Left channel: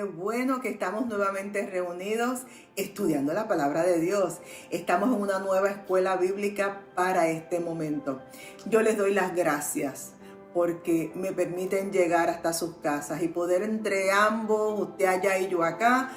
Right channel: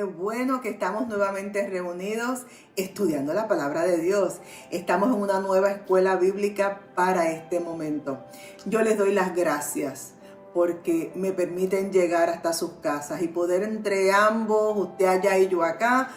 Qué bueno que estamos nuevamente reunidos estudiando la palabra de Dios. Estamos en una nueva escuela bíblica para este momento. Yo les doy las gracias porque me permiten llegar hasta sus casas y poder entre ambos, usted allá y yo acá,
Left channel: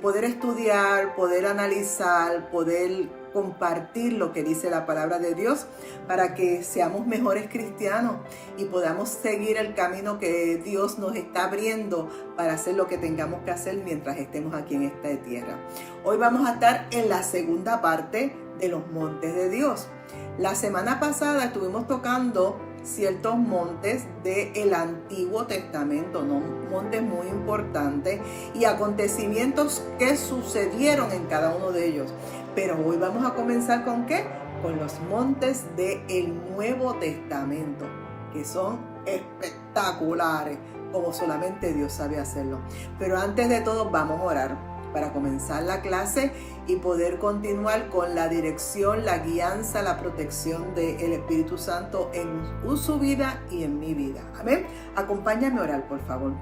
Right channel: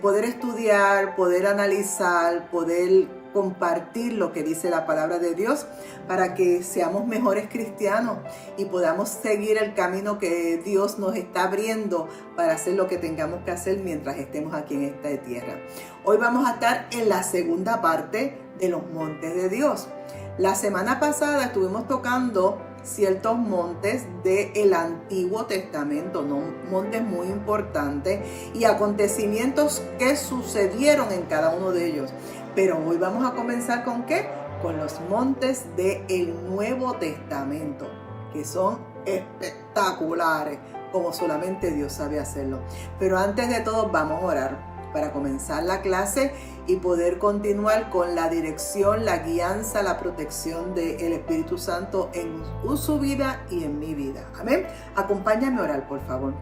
poder estudiar, poder analizar, poder compartir lo que dice la palabra de Dios para que seamos mejores cristianos y podamos seguir el camino que Dios nos está abriendo para hacer lo que tengamos que hacer mientras estemos aquí en esta tierra. Hoy vamos a estar en la segunda parte de los montes de Dios. La semana pasada estuvimos tocando ciertos montes del Antiguo Testamento, ¿no? Montes muy importantes y acontecimientos que sucedieron en cada uno de ellos. Pero hoy vamos a comenzar ¿con qué? Con los montes del Nuevo Testamento, que son espectaculares, como solamente Dios sabe hacerlo. Pero antes de todo vamos a orar para comenzar la clase y poder continuar con la dirección, la guianza, la protección del Espíritu Santo en su vida y en mi vida. Amén. Acompáñame a orar, por favor.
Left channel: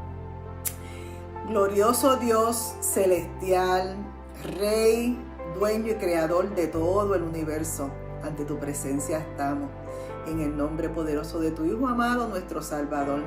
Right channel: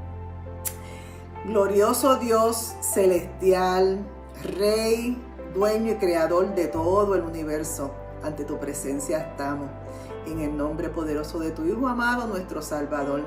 Glorioso Dios celestial, Rey, dueño y creador de todo el universo, ante tu presencia estamos, en el nombre poderoso de tu Hijo amado, nuestro Salvador.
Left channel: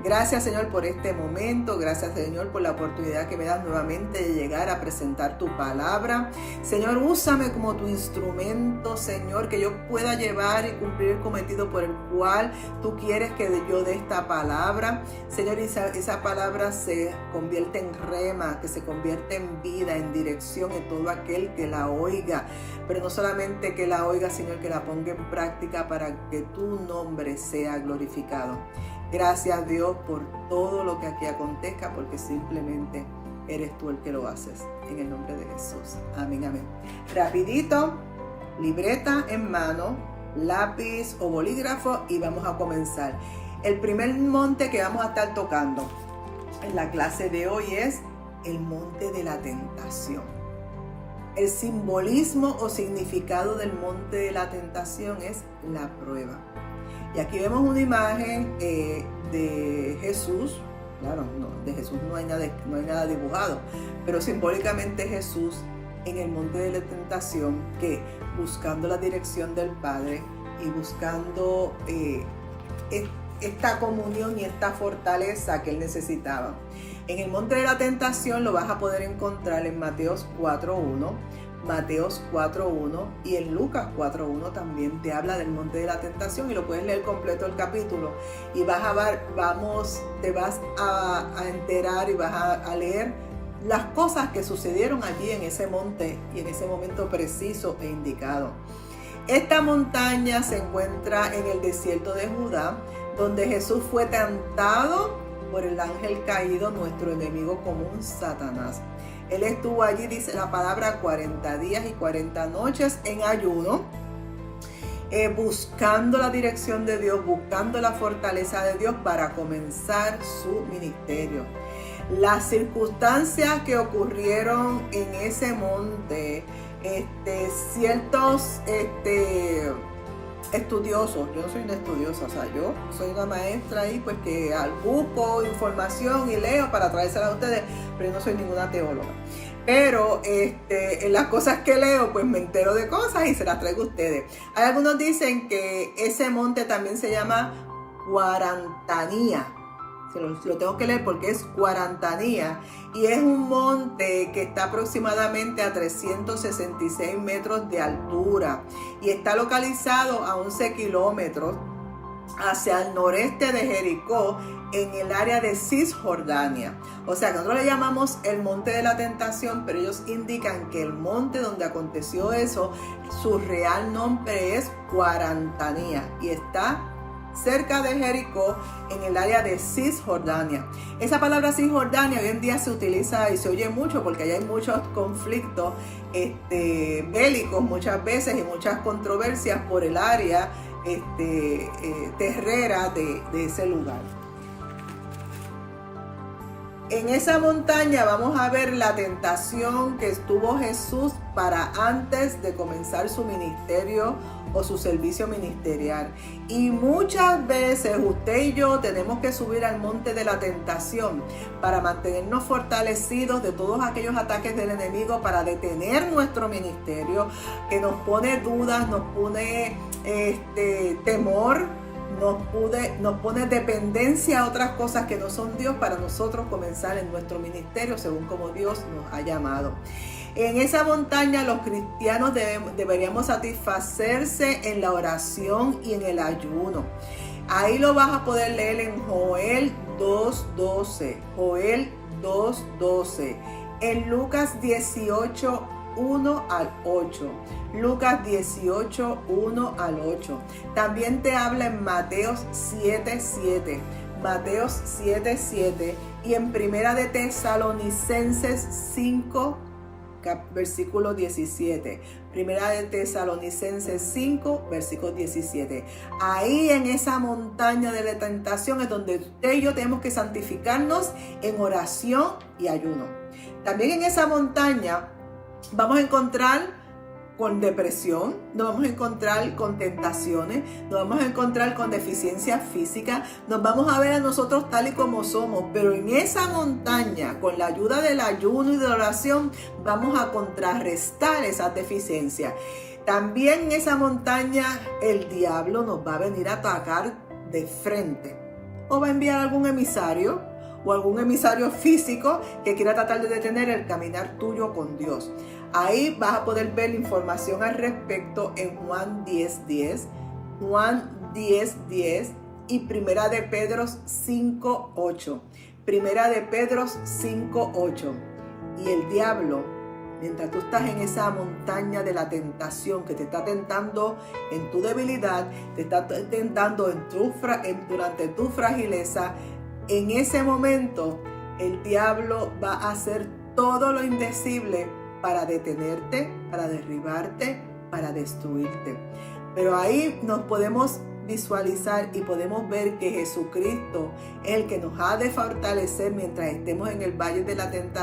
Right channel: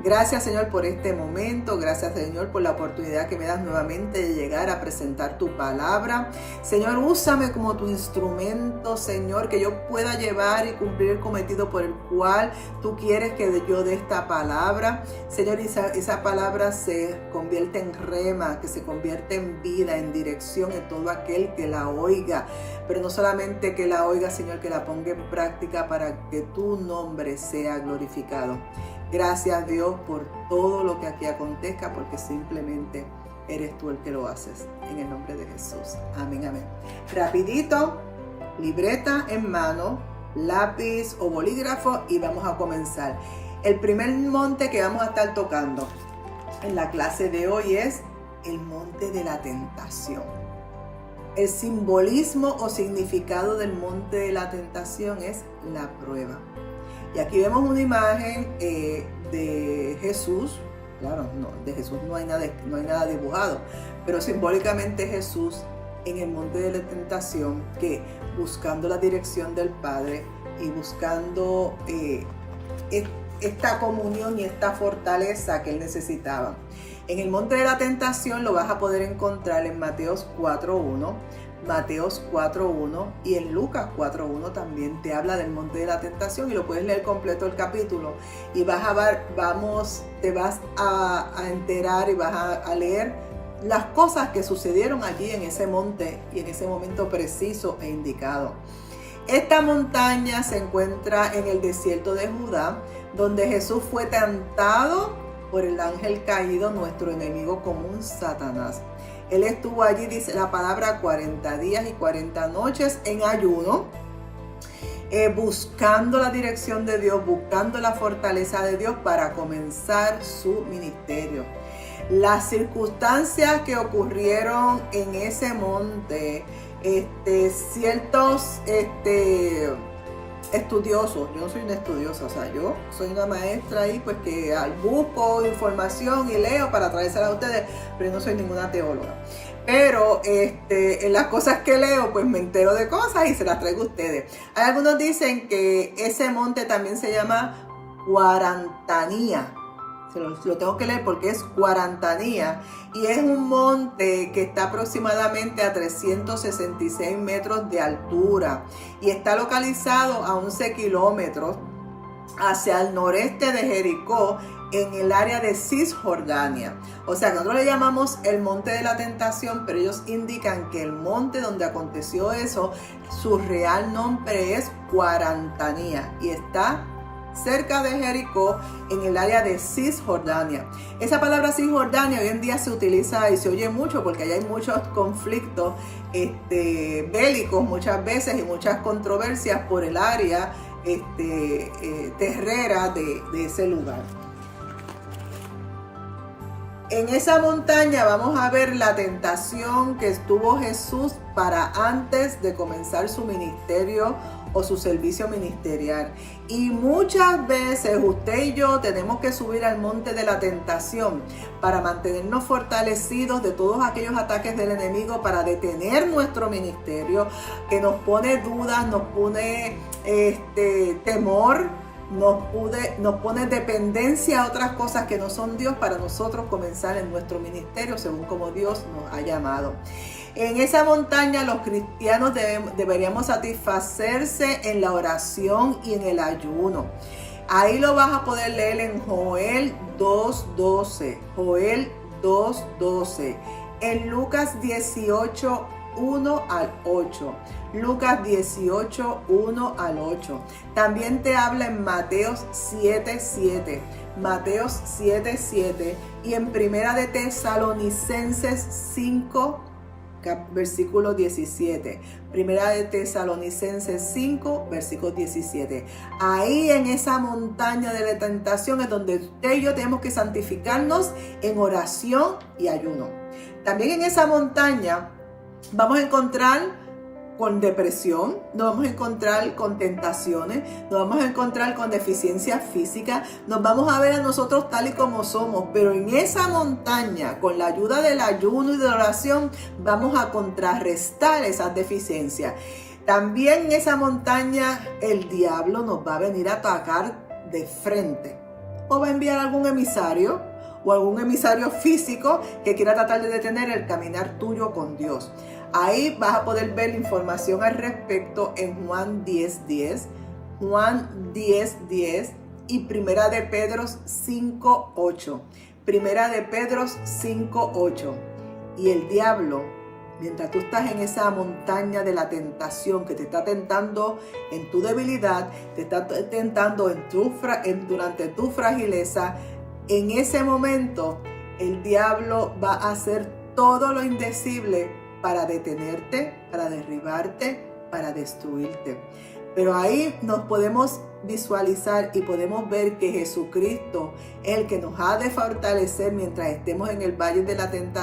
Gracias, Señor, por este momento. Gracias, Señor, por la oportunidad que me das nuevamente de llegar a presentar tu palabra. Señor, úsame como tu instrumento, Señor, que yo pueda llevar y cumplir el cometido por el cual tú quieres que yo dé esta palabra. Señor, esa palabra se convierte en rema, que se convierte en vida, en dirección en todo aquel que la oiga. Pero no solamente que la oiga, Señor, que la ponga en práctica para que tu nombre sea glorificado. Gracias, Dios, por todo lo que aquí acontezca, porque simplemente eres tú el que lo haces. En el nombre de Jesús. Amén, amén. Rapidito, libreta en mano, lápiz o bolígrafo y vamos a comenzar. El primer monte que vamos a estar tocando en la clase de hoy es el monte de la tentación. El simbolismo o significado del monte de la tentación es la prueba. Y aquí vemos una imagen de Jesús. Claro, no, de Jesús no hay nada dibujado, pero simbólicamente Jesús en el monte de la tentación, que buscando la dirección del Padre y buscando esta comunión y esta fortaleza que él necesitaba. En el monte de la tentación lo vas a poder encontrar en Mateos 4.1, Mateos 4.1 y en Lucas 4.1 también te habla del monte de la tentación y lo puedes leer completo el capítulo y vas a ver, te vas a enterar y vas a leer las cosas que sucedieron allí en ese monte y en ese momento preciso e indicado. Esta montaña se encuentra en el desierto de Judá, donde Jesús fue tentado por el ángel caído, nuestro enemigo común, Satanás. Él estuvo allí, dice la palabra, 40 días y 40 noches en ayuno, buscando la dirección de Dios, buscando la fortaleza de Dios para comenzar su ministerio. Las circunstancias que ocurrieron en ese monte, ciertos estudiosos, yo no soy una estudiosa, o sea, yo soy una maestra ahí, pues que busco información y leo para traérsela a ustedes, pero yo no soy ninguna teóloga. Pero en las cosas que leo, pues me entero de cosas y se las traigo a ustedes. Hay algunos dicen que ese monte también se llama Cuarantanía. Lo tengo que leer porque es Cuarantanía y es un monte que está aproximadamente a 366 metros de altura y está localizado a 11 kilómetros hacia el noreste de Jericó, en el área de Cisjordania. O sea que nosotros le llamamos el monte de la tentación, pero ellos indican que el monte donde aconteció eso, su real nombre es Cuarantanía y está cerca de Jericó, en el área de Cisjordania. Esa palabra Cisjordania hoy en día se utiliza y se oye mucho porque allá hay muchos conflictos bélicos muchas veces y muchas controversias por el área terrera de ese lugar. En esa montaña vamos a ver la tentación que estuvo Jesús para antes de comenzar su ministerio o su servicio ministerial. Y muchas veces usted y yo tenemos que subir al monte de la tentación para mantenernos fortalecidos de todos aquellos ataques del enemigo, para detener nuestro ministerio, que nos pone dudas, nos pone temor, nos pone dependencia a otras cosas que no son Dios, para nosotros comenzar en nuestro ministerio según como Dios nos ha llamado. En esa montaña los cristianos deberíamos satisfacerse en la oración y en el ayuno. Ahí lo vas a poder leer en Joel 2:12, Joel 2:12, en Lucas 18, 1 al 8. Lucas 18, 1 al 8. También te habla en Mateos 7:7. Mateos 7:7 y en Primera de Tesalonicenses 5, versículo 17. Primera de Tesalonicenses 5, versículo 17. Ahí en esa montaña de la tentación es donde usted y yo tenemos que santificarnos en oración y ayuno. También en esa montaña vamos a encontrar con depresión, nos vamos a encontrar con tentaciones, nos vamos a encontrar con deficiencias físicas, nos vamos a ver a nosotros tal y como somos, pero en esa montaña, con la ayuda del ayuno y de la oración, vamos a contrarrestar esas deficiencias. También en esa montaña el diablo nos va a venir a atacar de frente, o va a enviar algún emisario, o algún emisario físico que quiera tratar de detener el caminar tuyo con Dios. Ahí vas a poder ver la información al respecto en Juan 10:10, Juan 10:10 y Primera de Pedro 5:8. Primera de Pedro 5:8. Y el diablo, mientras tú estás en esa montaña de la tentación que te está tentando en tu debilidad, te está tentando durante tu fragileza, en ese momento el diablo va a hacer todo lo indecible para detenerte, para derribarte, para destruirte. Pero ahí nos podemos visualizar y podemos ver que Jesucristo es el que nos ha de fortalecer mientras estemos en el valle de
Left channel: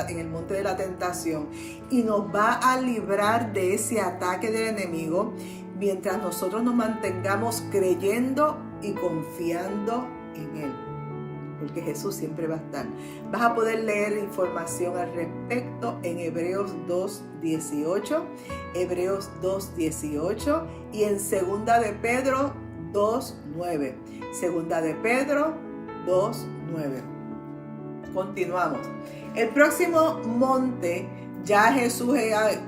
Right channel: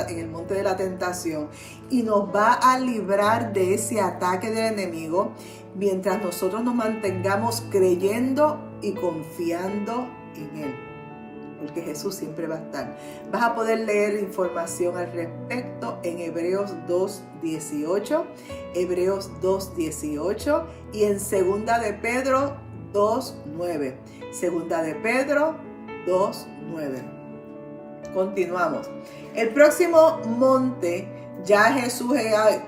en el monte de la tentación, y nos va a librar de ese ataque del enemigo mientras nosotros nos mantengamos creyendo y confiando en Él. Porque Jesús siempre va a estar. Vas a poder leer información al respecto en Hebreos 2:18, Hebreos 2:18 y en Segunda de Pedro 2:9. Segunda de Pedro 2:9. Continuamos. El próximo monte, ya Jesús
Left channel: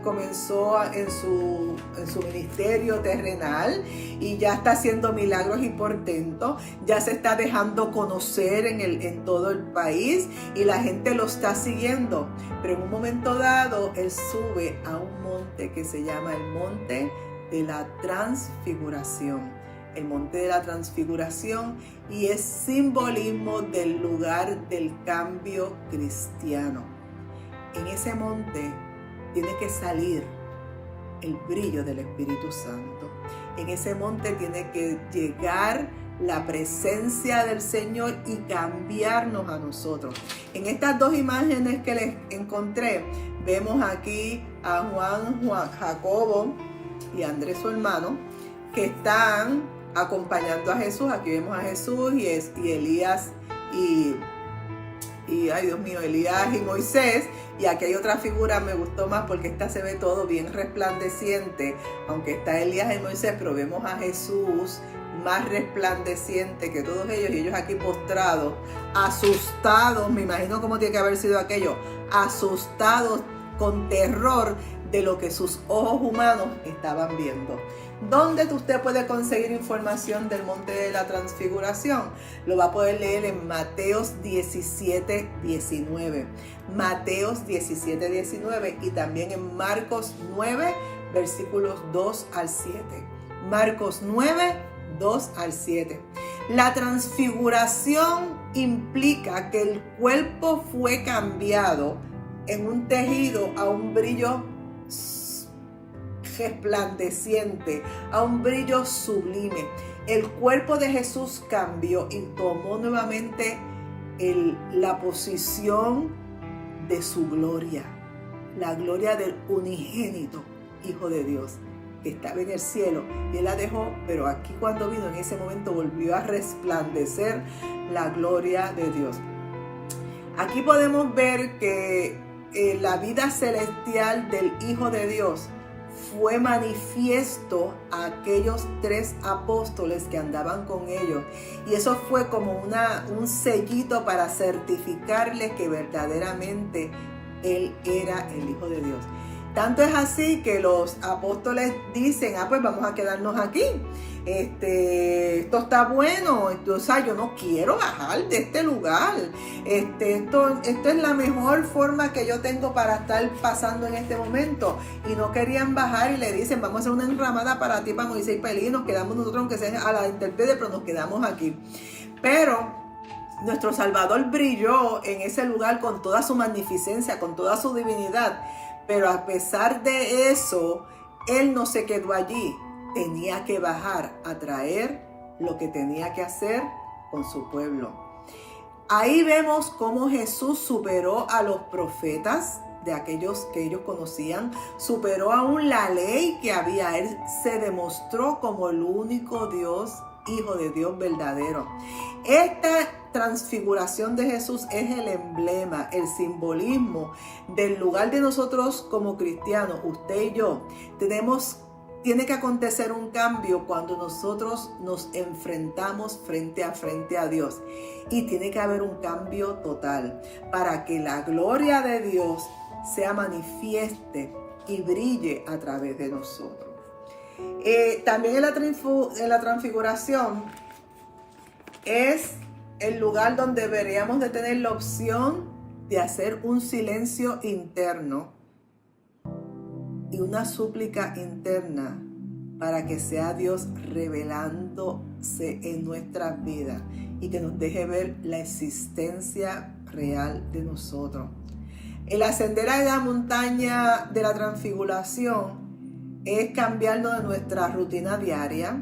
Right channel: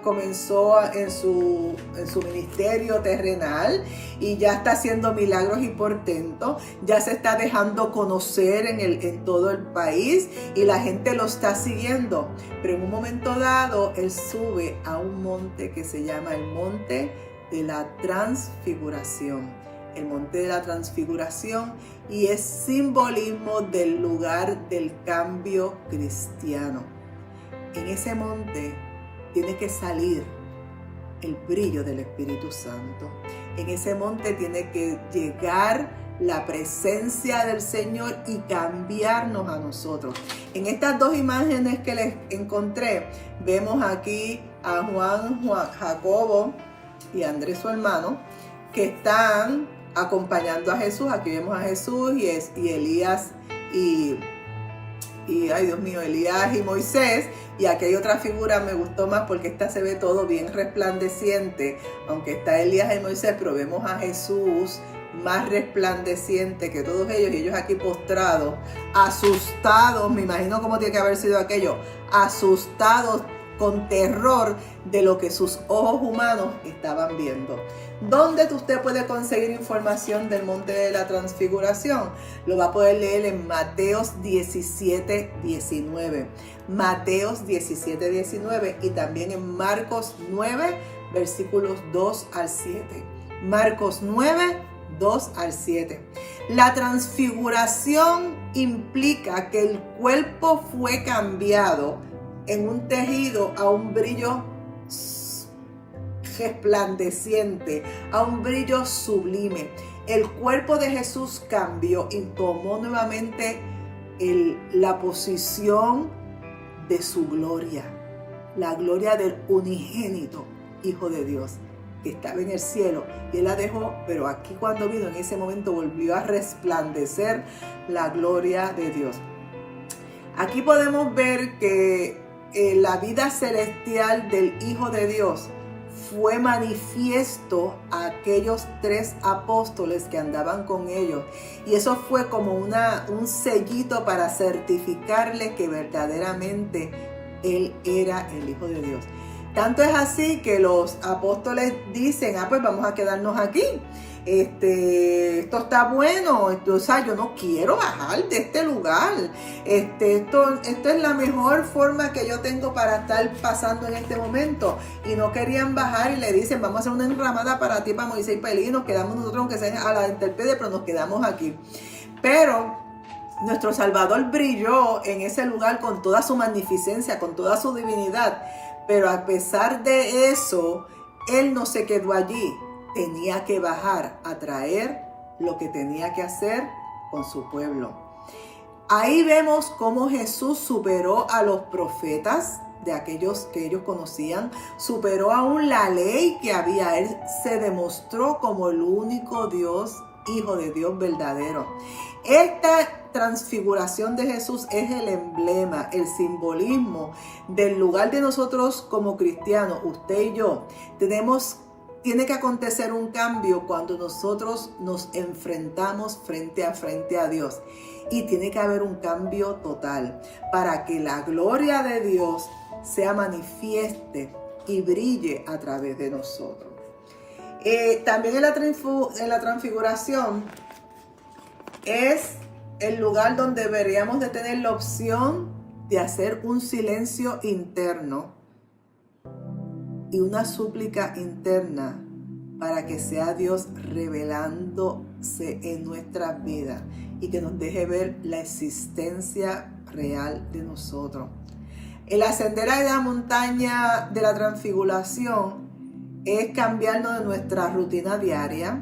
comenzó en su ministerio terrenal y ya está haciendo milagros y portentos. Ya se está dejando conocer en todo el país y la gente lo está siguiendo. Pero en un momento dado, Él sube a un monte que se llama el Monte de la Transfiguración. El Monte de la Transfiguración, y es simbolismo del lugar del cambio cristiano. En ese monte tiene que salir el brillo del Espíritu Santo. En ese monte tiene que llegar la presencia del Señor y cambiarnos a nosotros. En estas dos imágenes que les encontré, vemos aquí a Juan, Jacobo y Andrés, su hermano, que están acompañando a Jesús. Aquí vemos a Jesús y Elías ay Dios mío, Elías y Moisés. Y aquí hay otra figura, me gustó más porque esta se ve todo bien resplandeciente, aunque está Elías y Moisés, pero vemos a Jesús más resplandeciente que todos ellos, y ellos aquí postrados, asustados. Me imagino cómo tiene que haber sido aquello, asustados con terror de lo que sus ojos humanos estaban viendo. ¿Dónde usted puede conseguir información del Monte de la Transfiguración? Lo va a poder leer en Mateos 17:19. Mateos 17:19 y también en Marcos 9, versículos 2 al 7. Marcos 9, 2 al 7. La transfiguración implica que el cuerpo fue cambiado en un tejido a un brillo resplandeciente, a un brillo sublime. El cuerpo de Jesús cambió y tomó nuevamente la posición de su gloria, la gloria del unigénito Hijo de Dios. que estaba en el cielo, y él la dejó, pero aquí cuando vino, en ese momento volvió a resplandecer la gloria de Dios. Aquí podemos ver que la vida celestial del Hijo de Dios fue manifiesto a aquellos 3 apóstoles que andaban con ellos, y eso fue como un sellito para certificarles que verdaderamente Él era el Hijo de Dios. Tanto es así que los apóstoles dicen, pues vamos a quedarnos aquí. Esto está bueno, o sea, yo no quiero bajar de este lugar. Esto es la mejor forma que yo tengo para estar pasando en este momento. Y no querían bajar y le dicen, vamos a hacer una enramada para ti, para Moisés y para Elías, nos quedamos nosotros, aunque sea a la intemperie, pero nos quedamos aquí. Pero nuestro Salvador brilló en ese lugar con toda su magnificencia, con toda su divinidad. Pero a pesar de eso, Él no se quedó allí. Tenía que bajar a traer lo que tenía que hacer con su pueblo. Ahí vemos cómo Jesús superó a los profetas, de aquellos que ellos conocían, superó aún la ley que había. Él se demostró como el único Dios, Hijo de Dios verdadero. Esta transfiguración de Jesús es el emblema, el simbolismo del lugar de nosotros como cristianos, usted y yo. Tiene que acontecer un cambio cuando nosotros nos enfrentamos frente a Dios. Y tiene que haber un cambio total para que la gloria de Dios sea manifieste y brille a través de nosotros. También en la transfiguración es el lugar donde deberíamos de tener la opción de hacer un silencio interno y una súplica interna para que sea Dios revelándose en nuestras vidas y que nos deje ver la existencia real de nosotros. El ascender a la montaña de la transfiguración es cambiarnos de nuestra rutina diaria.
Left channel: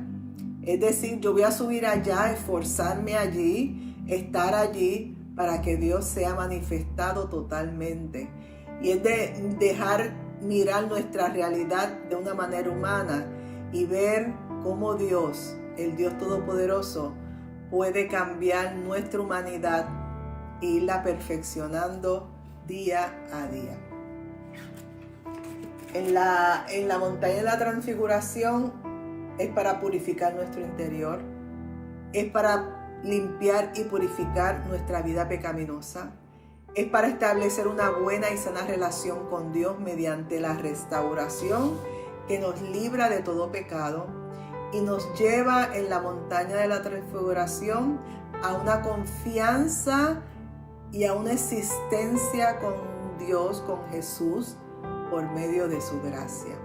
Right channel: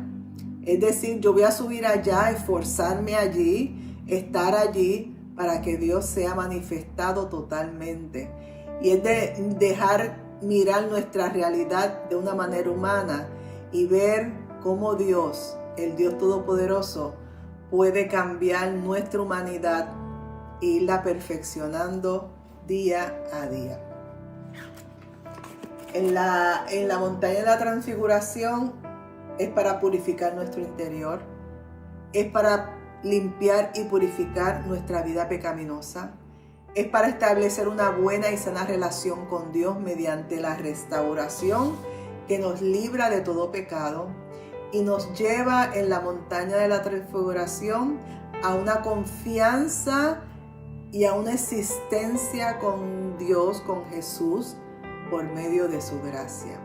Es decir, yo voy a subir allá, esforzarme allí, estar allí para que Dios sea manifestado totalmente. Y es de dejar mirar nuestra realidad de una manera humana y ver cómo Dios, el Dios Todopoderoso, puede cambiar nuestra humanidad e irla perfeccionando día a día. En la montaña de la transfiguración es para purificar nuestro interior, es para limpiar y purificar nuestra vida pecaminosa, es para establecer una buena y sana relación con Dios mediante la restauración que nos libra de todo pecado y nos lleva en la montaña de la transfiguración a una confianza y a una existencia con Dios, con Jesús, por medio de su gracia.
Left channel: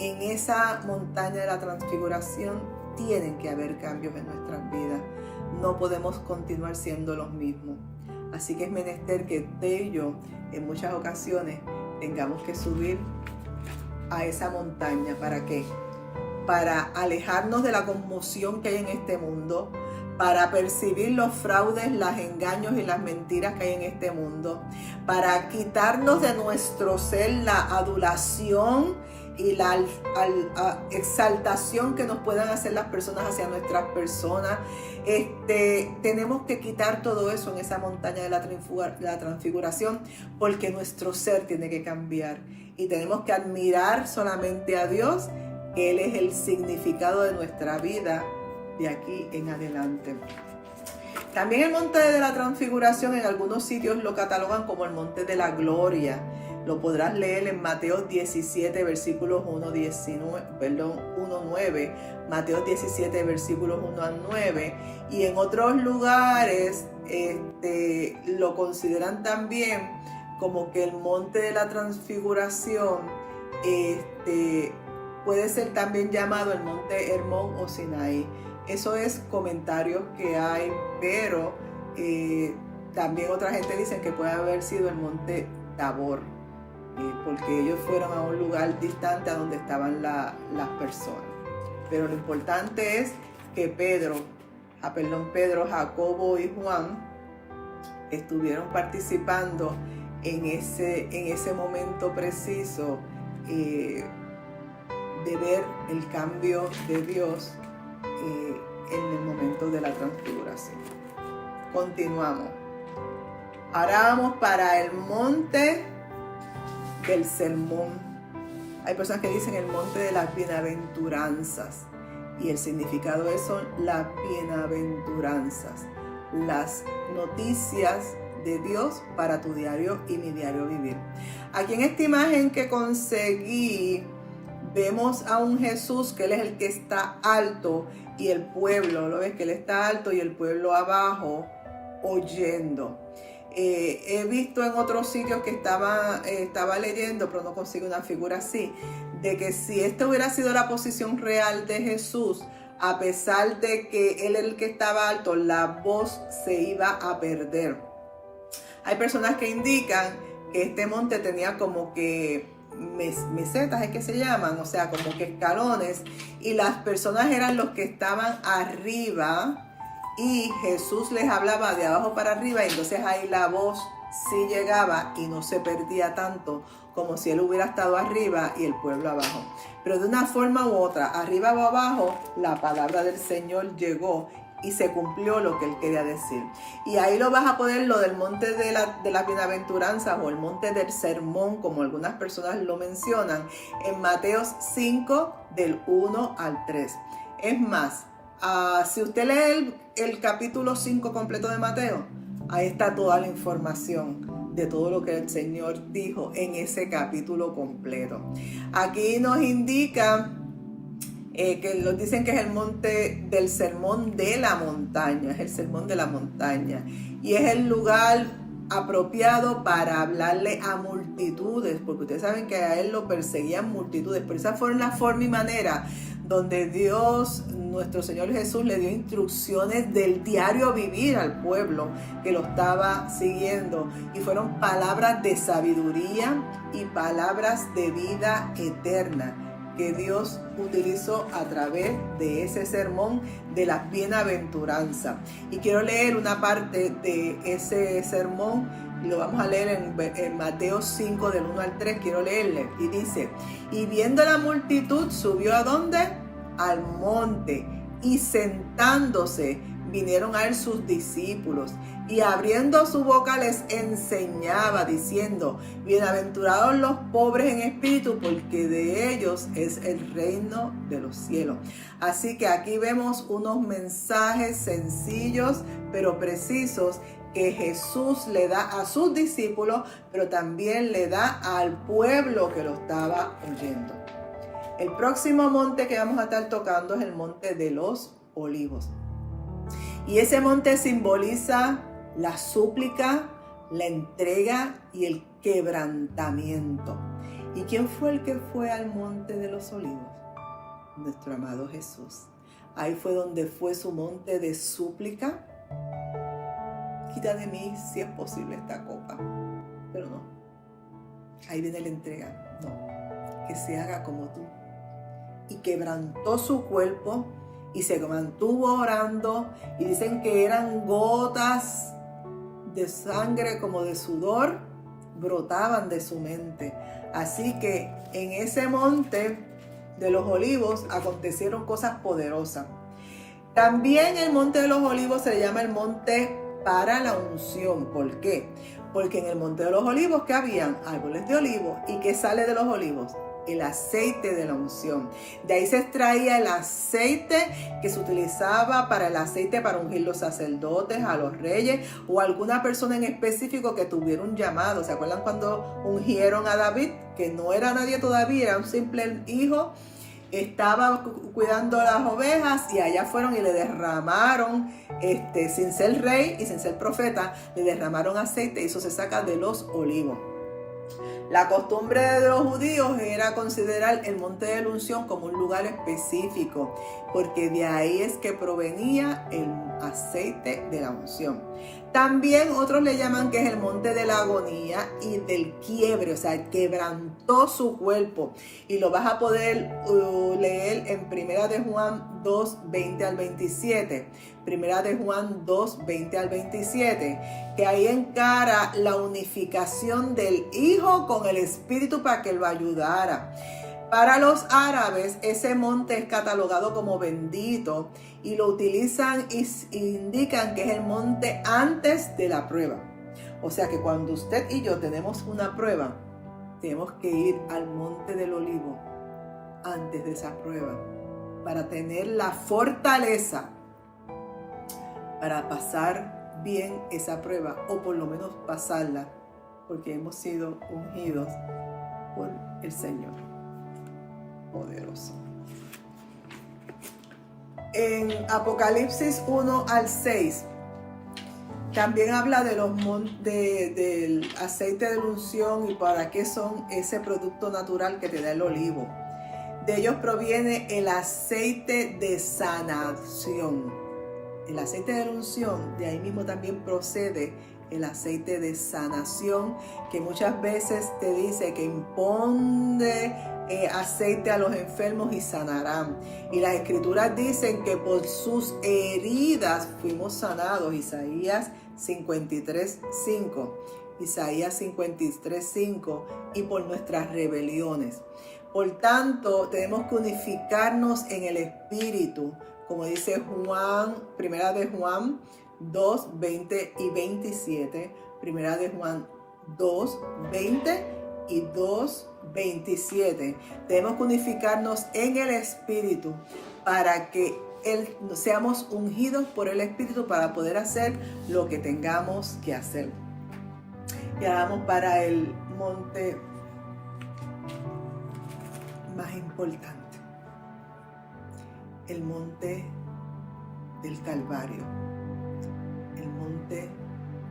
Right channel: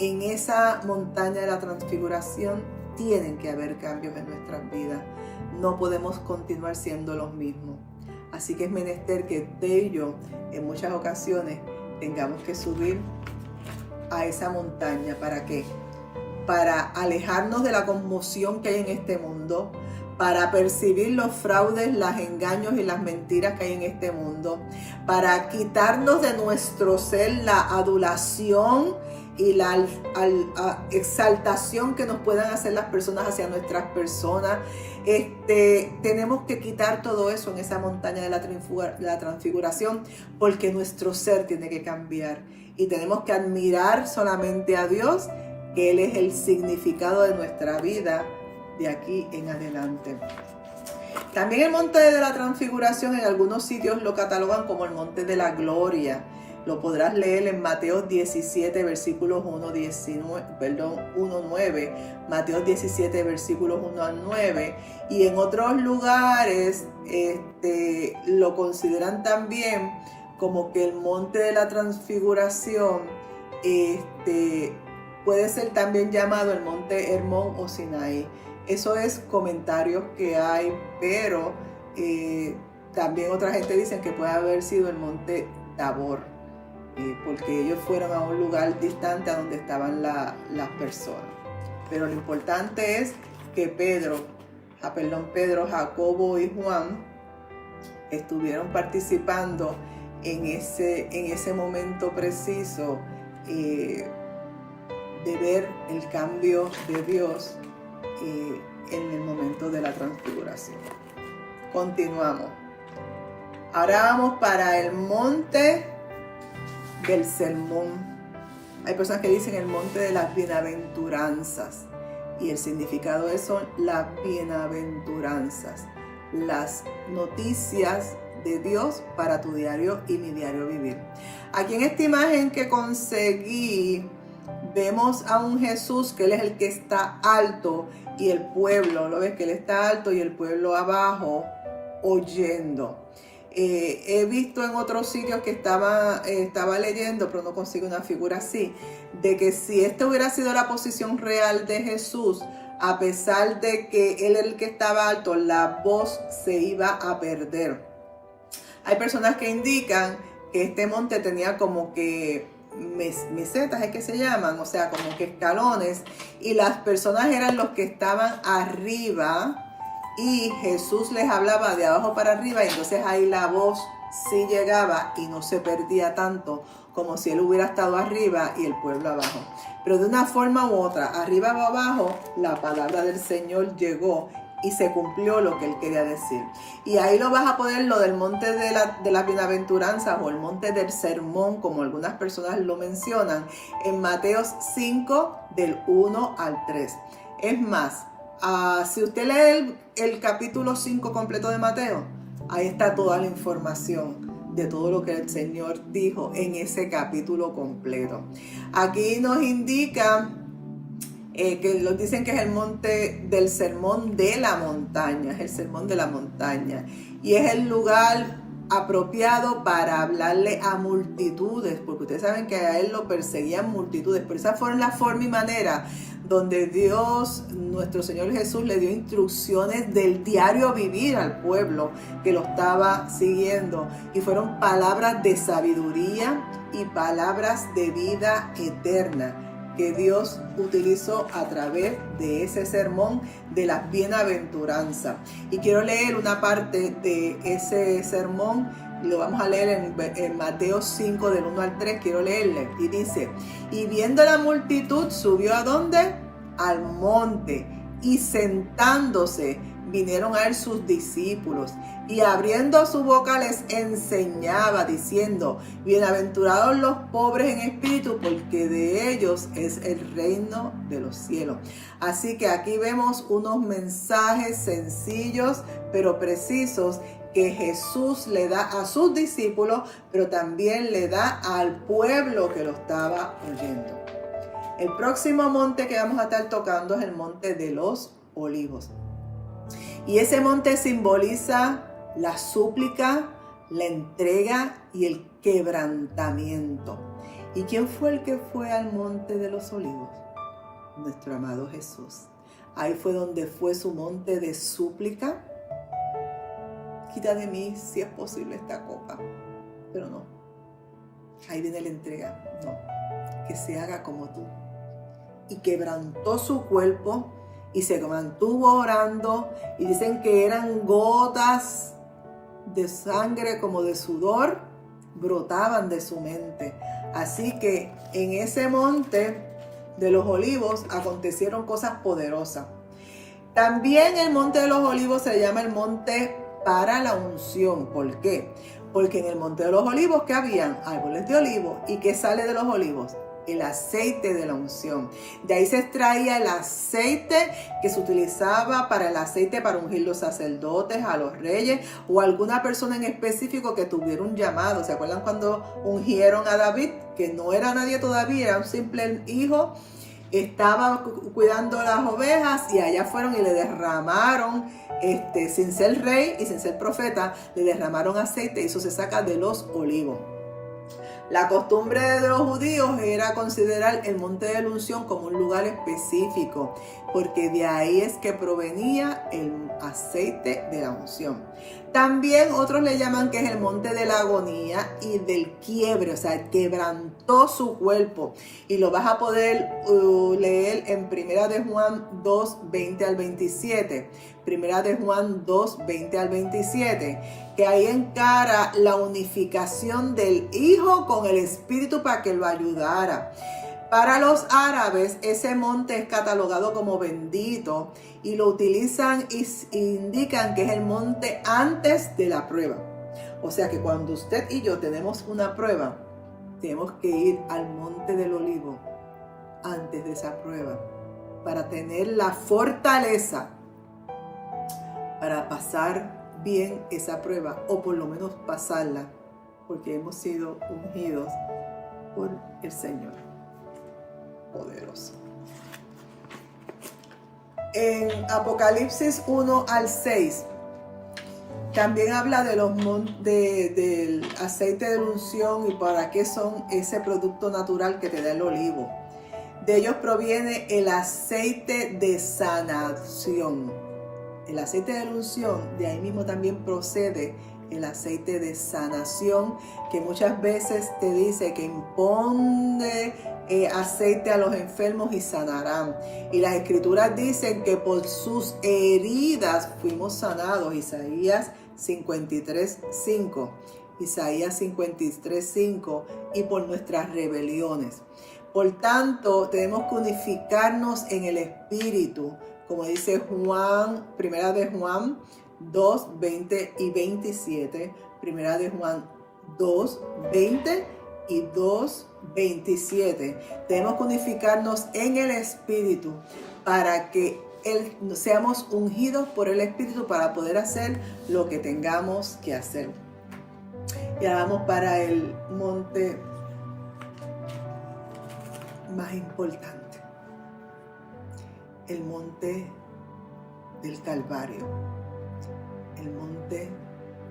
En esa montaña de la transfiguración tienen que haber cambios en nuestras vidas. No podemos continuar siendo los mismos. Así que es menester que usted y yo, en muchas ocasiones, tengamos que subir a esa montaña. ¿Para qué? Para alejarnos de la conmoción que hay en este mundo, para percibir los fraudes, los engaños y las mentiras que hay en este mundo, para quitarnos de nuestro ser la adulación y la exaltación que nos puedan hacer las personas hacia nuestras personas. Tenemos que quitar todo eso en esa montaña de la transfiguración, porque nuestro ser tiene que cambiar y tenemos que admirar solamente a Dios, que Él es el significado de nuestra vida de aquí en adelante. También el monte de la transfiguración en algunos sitios lo catalogan como el monte de la gloria. Lo podrás leer en Mateo 17, versículos 1-9, Mateo 17, versículos 1 al 9. Y en otros lugares lo consideran también como que el monte de la transfiguración puede ser también llamado el monte Hermón o Sinaí. Eso es comentarios que hay, pero también otra gente dice que puede haber sido el monte Tabor, porque ellos fueron a un lugar distante a donde estaban las personas. Pero lo importante es que Pedro, Jacobo y Juan estuvieron participando en ese momento preciso de ver el cambio de Dios en el momento de la transfiguración. Continuamos. Ahora vamos para el monte del sermón. Hay personas que dicen el monte de las bienaventuranzas, y el significado de eso son las bienaventuranzas, las noticias de Dios para tu diario y mi diario vivir. Aquí en esta imagen que conseguí vemos a un Jesús que Él es el que está alto y el pueblo, ¿lo ves? Que Él está alto y el pueblo abajo oyendo. He visto en otros sitios que estaba leyendo, pero no consigo una figura así, de que si esta hubiera sido la posición real de Jesús, a pesar de que Él era el que estaba alto, la voz se iba a perder. Hay personas que indican que este monte tenía como que mesetas, es que se llaman, o sea, como que escalones, y las personas eran los que estaban arriba, y Jesús les hablaba de abajo para arriba, y entonces ahí la voz sí llegaba y no se perdía tanto como si Él hubiera estado arriba y el pueblo abajo. Pero de una forma u otra, arriba o abajo, la palabra del Señor llegó y se cumplió lo que Él quería decir. Y ahí lo vas a poner, lo del monte de las bienaventuranzas o el monte del sermón, como algunas personas lo mencionan, en Mateo 5 del 1 al 3. Es más, si usted lee el capítulo 5 completo de Mateo, ahí está toda la información de todo lo que el Señor dijo en ese capítulo completo. Aquí nos indica que nos dicen que es el monte del sermón de la montaña, es el sermón de la montaña, y es el lugar apropiado para hablarle a multitudes, porque ustedes saben que a Él lo perseguían multitudes, pero esa fue la forma y manera donde Dios, nuestro Señor Jesús, le dio instrucciones del diario vivir al pueblo que lo estaba siguiendo, y fueron palabras de sabiduría y palabras de vida eterna que Dios utilizó a través de ese sermón de las bienaventuranzas. Y quiero leer una parte de ese sermón, y lo vamos a leer en Mateo 5 del 1 al 3, quiero leerle. Y dice: y viendo la multitud, subió ¿a dónde? Al monte, y sentándose, vinieron a él sus discípulos, y abriendo su boca les enseñaba, diciendo: bienaventurados los pobres en espíritu, porque de ellos es el reino de los cielos. Así que aquí vemos unos mensajes sencillos pero precisos que Jesús le da a sus discípulos, pero también le da al pueblo que lo estaba oyendo. El próximo monte que vamos a estar tocando es el monte de los olivos. Y ese monte simboliza la súplica, la entrega y el quebrantamiento. ¿Y quién fue el que fue al monte de los olivos? Nuestro amado Jesús. Ahí fue donde fue su monte de súplica. Quita de mí, si es posible, esta copa. Pero no. Ahí viene la entrega. No. Que se haga como tú. Y quebrantó su cuerpo y se mantuvo orando. Y dicen que eran gotas de sangre como de sudor, brotaban de su mente. Así que en ese monte de los olivos acontecieron cosas poderosas. También el monte de los olivos se llama el monte para la unción. ¿Por qué? Porque en el monte de los olivos, ¿qué habían? Árboles de olivo. ¿Y qué sale de los olivos? El aceite de la unción. De ahí se extraía el aceite que se utilizaba para el aceite para ungir los sacerdotes, a los reyes o a alguna persona en específico que tuviera un llamado. ¿Se acuerdan cuando ungieron a David? Que no era nadie todavía, era un simple hijo. Estaba cuidando las ovejas y allá fueron y le derramaron, sin ser rey y sin ser profeta, le derramaron aceite, y eso se saca de los olivos. La costumbre de los judíos era considerar el monte de la unción como un lugar específico, porque de ahí es que provenía el aceite de la unción. También otros le llaman que es el monte de la agonía y del quiebre, o sea, quebrantó su cuerpo. Y lo vas a poder leer en Primera de Juan 2, 20 al 27. Primera de Juan 2, 20 al 27, que ahí encara la unificación del Hijo con el Espíritu para que lo ayudara. Para los árabes, ese monte es catalogado como bendito y lo utilizan y indican que es el monte antes de la prueba. O sea que cuando usted y yo tenemos una prueba, tenemos que ir al monte del olivo antes de esa prueba para tener la fortaleza para pasar bien esa prueba, o por lo menos pasarla, porque hemos sido ungidos por el Señor poderoso. En Apocalipsis 1 al 6 también habla de del aceite de unción y para qué son ese producto natural que te da el olivo. De ellos proviene el aceite de sanación. El aceite de unción, de ahí mismo también procede el aceite de sanación, que muchas veces te dice que imponde aceite a los enfermos y sanarán. Y las escrituras dicen que por sus heridas fuimos sanados. Isaías 53:5. Isaías 53:5. Y por nuestras rebeliones. Por tanto, tenemos que unificarnos en el Espíritu, como dice Juan, Primera de Juan 2, 20 y 27, Primera de Juan 2, 20 y 2, 27. Tenemos que unificarnos en el Espíritu para que seamos ungidos por el Espíritu para poder hacer lo que tengamos que hacer. Y ahora vamos para el monte más importante, el monte del Calvario, el monte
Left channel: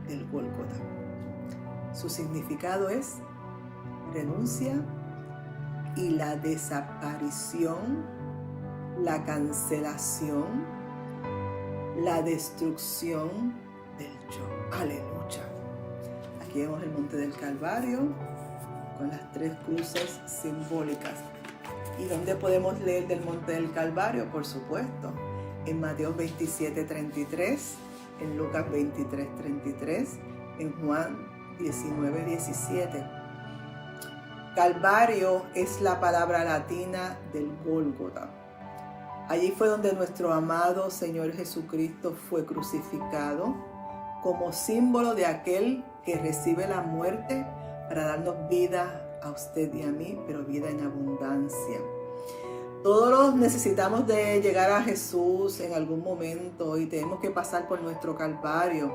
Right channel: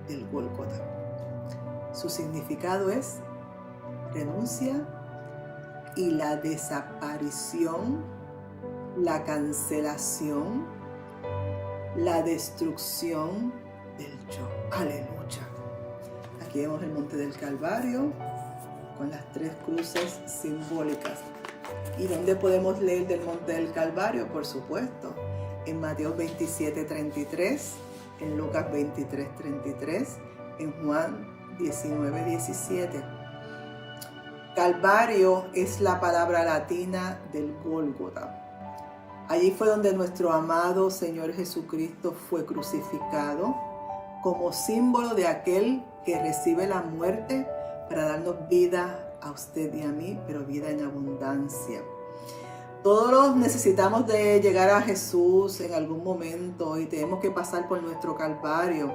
del Gólgota. Su significado es renuncia y la desaparición, la cancelación, la destrucción del yo. Aleluya. Aquí vemos el monte del Calvario con las 3 cruces simbólicas. ¿Y dónde podemos leer del monte del Calvario? Por supuesto, en Mateo 27:33, en Lucas 23:33, en Juan 19:17. Calvario es la palabra latina del Gólgota. Allí fue donde nuestro amado Señor Jesucristo fue crucificado como símbolo de aquel que recibe la muerte para darnos vida a usted y a mí, pero vida en abundancia. Todos necesitamos de llegar a Jesús en algún momento y tenemos que pasar por nuestro Calvario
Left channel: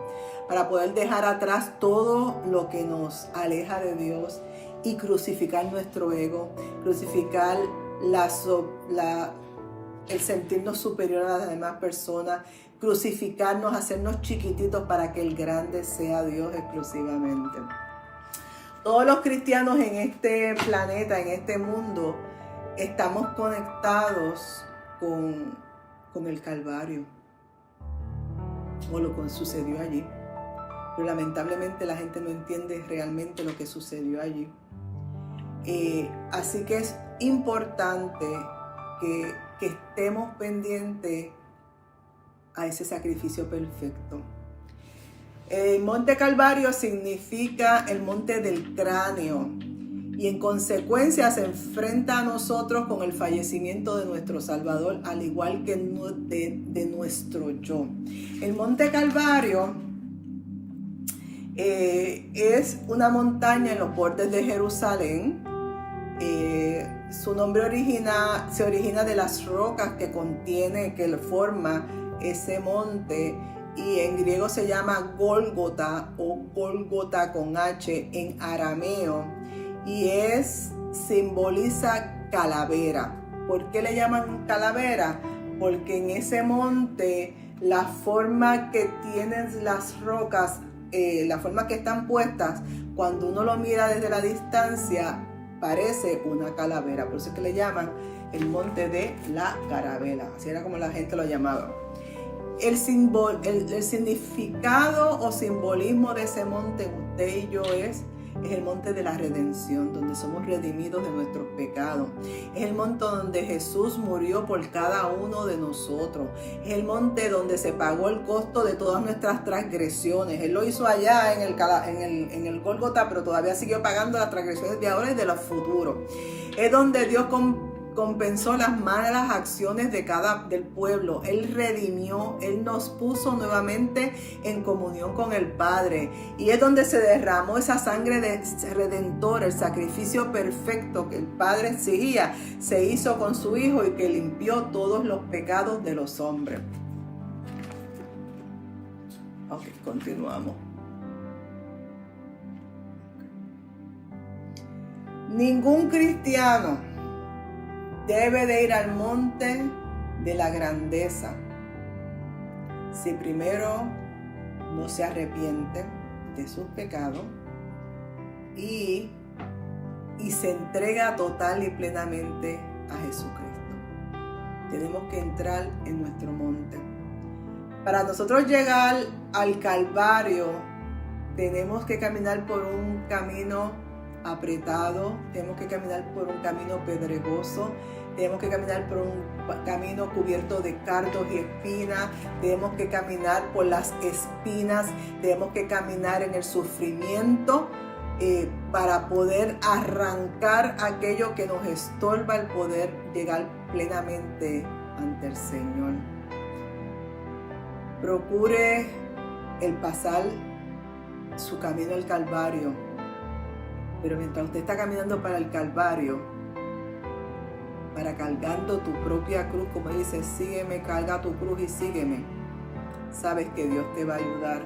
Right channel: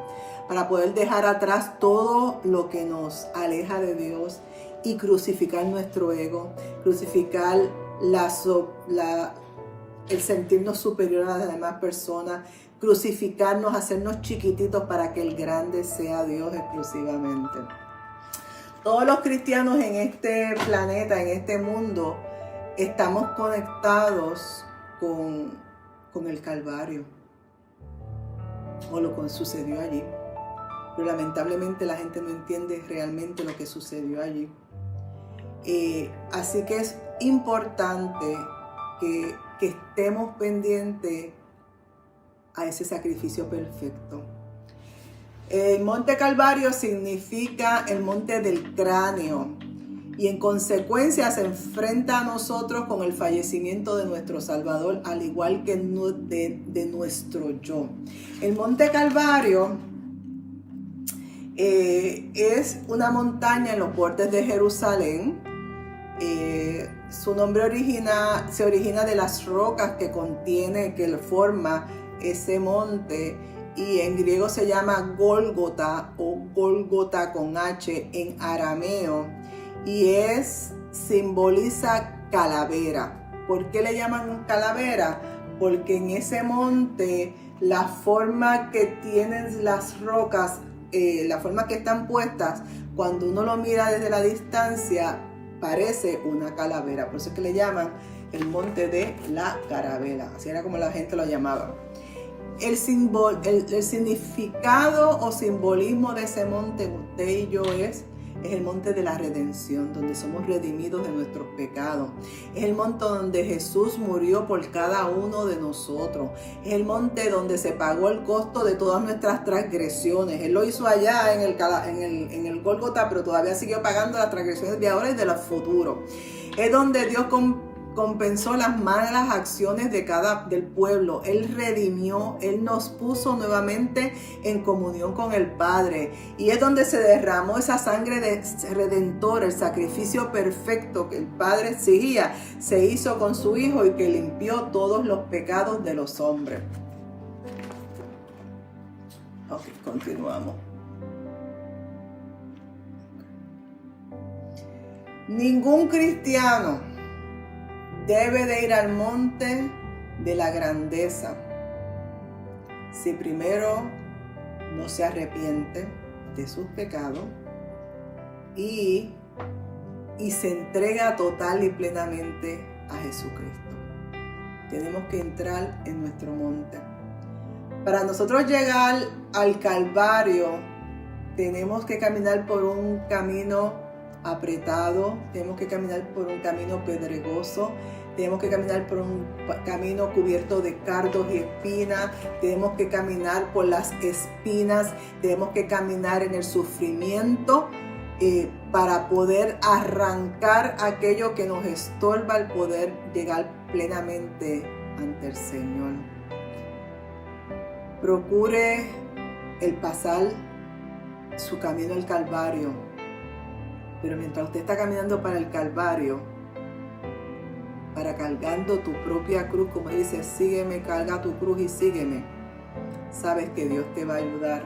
para poder dejar atrás todo lo que nos aleja de Dios y crucificar nuestro ego, crucificar el sentirnos superior a las demás personas, crucificarnos, hacernos chiquititos para que el grande sea Dios exclusivamente. Todos los cristianos en este planeta, en este mundo, estamos conectados con el Calvario, o lo que sucedió allí. Pero lamentablemente la gente no entiende realmente lo que sucedió allí. Así que es importante que estemos pendientes a ese sacrificio perfecto. El monte Calvario significa el monte del cráneo y en consecuencia se enfrenta a nosotros con el fallecimiento de nuestro Salvador, al igual que de nuestro yo. El monte Calvario es una montaña en los bordes de Jerusalén. Su nombre se origina de las rocas que forma ese monte. Y en griego se llama Gólgota o Gólgota con H en arameo y simboliza calavera. ¿Por qué le llaman calavera? Porque en ese monte la forma que tienen las rocas, la forma que están puestas, cuando uno lo mira desde la distancia parece una calavera. Por eso es que le llaman el monte de la calavera. Así era como la gente lo llamaba. El significado o simbolismo de ese monte, usted y yo, es Es el monte de la redención, donde somos redimidos de nuestros pecados. Es el monte donde Jesús murió por cada uno de nosotros. Es el monte donde se pagó el costo de todas nuestras transgresiones. Él lo hizo allá en el Gólgota, pero todavía siguió pagando las transgresiones de ahora y de los futuros. Es donde Dios compensó las malas acciones del pueblo. Él redimió, Él nos puso nuevamente en comunión con el Padre. Y es donde se derramó esa sangre redentora, el sacrificio perfecto que el Padre exigía, se hizo con su Hijo y que limpió todos los pecados de los hombres. Ok, continuamos. Ningún cristiano debe de ir al monte de la grandeza si primero no se arrepiente de sus pecados y se entrega total y plenamente a Jesucristo. Tenemos que entrar en nuestro monte. Para nosotros llegar al Calvario, tenemos que caminar por un camino apretado, tenemos que caminar por un camino pedregoso, tenemos que caminar por un camino cubierto de cardos y espinas, tenemos que caminar por las espinas, tenemos que caminar en el sufrimiento para poder arrancar aquello que nos estorba al poder llegar plenamente ante el Señor. Procure el pasar su camino al Calvario, pero mientras usted está caminando para el Calvario, para cargando tu propia cruz, como dice, sígueme, carga tu cruz y sígueme, sabes que Dios te va a ayudar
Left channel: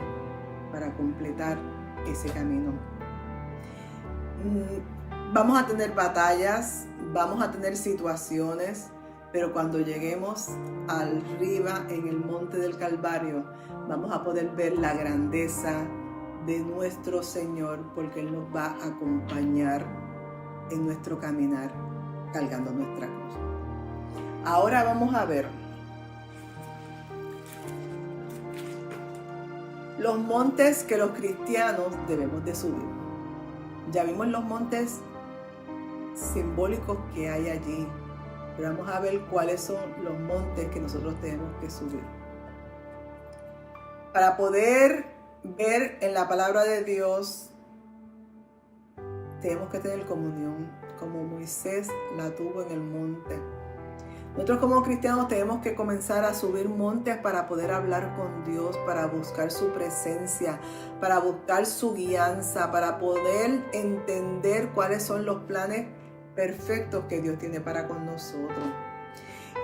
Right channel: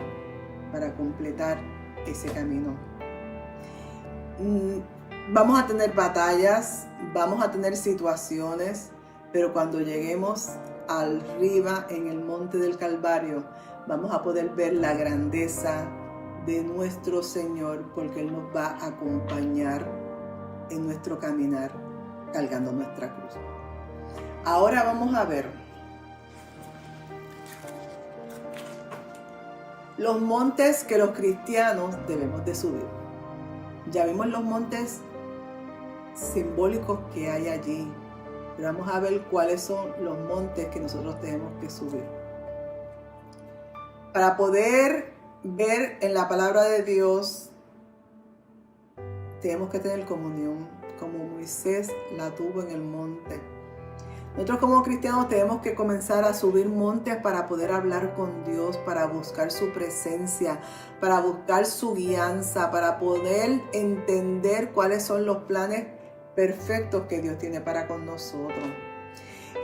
para completar ese camino. Vamos a tener batallas, vamos a tener situaciones, pero cuando lleguemos arriba en el monte del Calvario, vamos a poder ver la grandeza de nuestro Señor, porque Él nos va a acompañar en nuestro caminar cargando nuestra cruz. Ahora vamos a ver los montes que los cristianos debemos de subir. Ya vimos los montes simbólicos que hay allí, pero vamos a ver cuáles son los montes que nosotros tenemos que subir. Para poder ver en la palabra de Dios, tenemos que tener comunión, como Moisés la tuvo en el monte. Nosotros como cristianos tenemos que comenzar a subir montes para poder hablar con Dios, para buscar su presencia, para buscar su guianza, para poder entender cuáles son los planes perfectos que Dios tiene para con nosotros.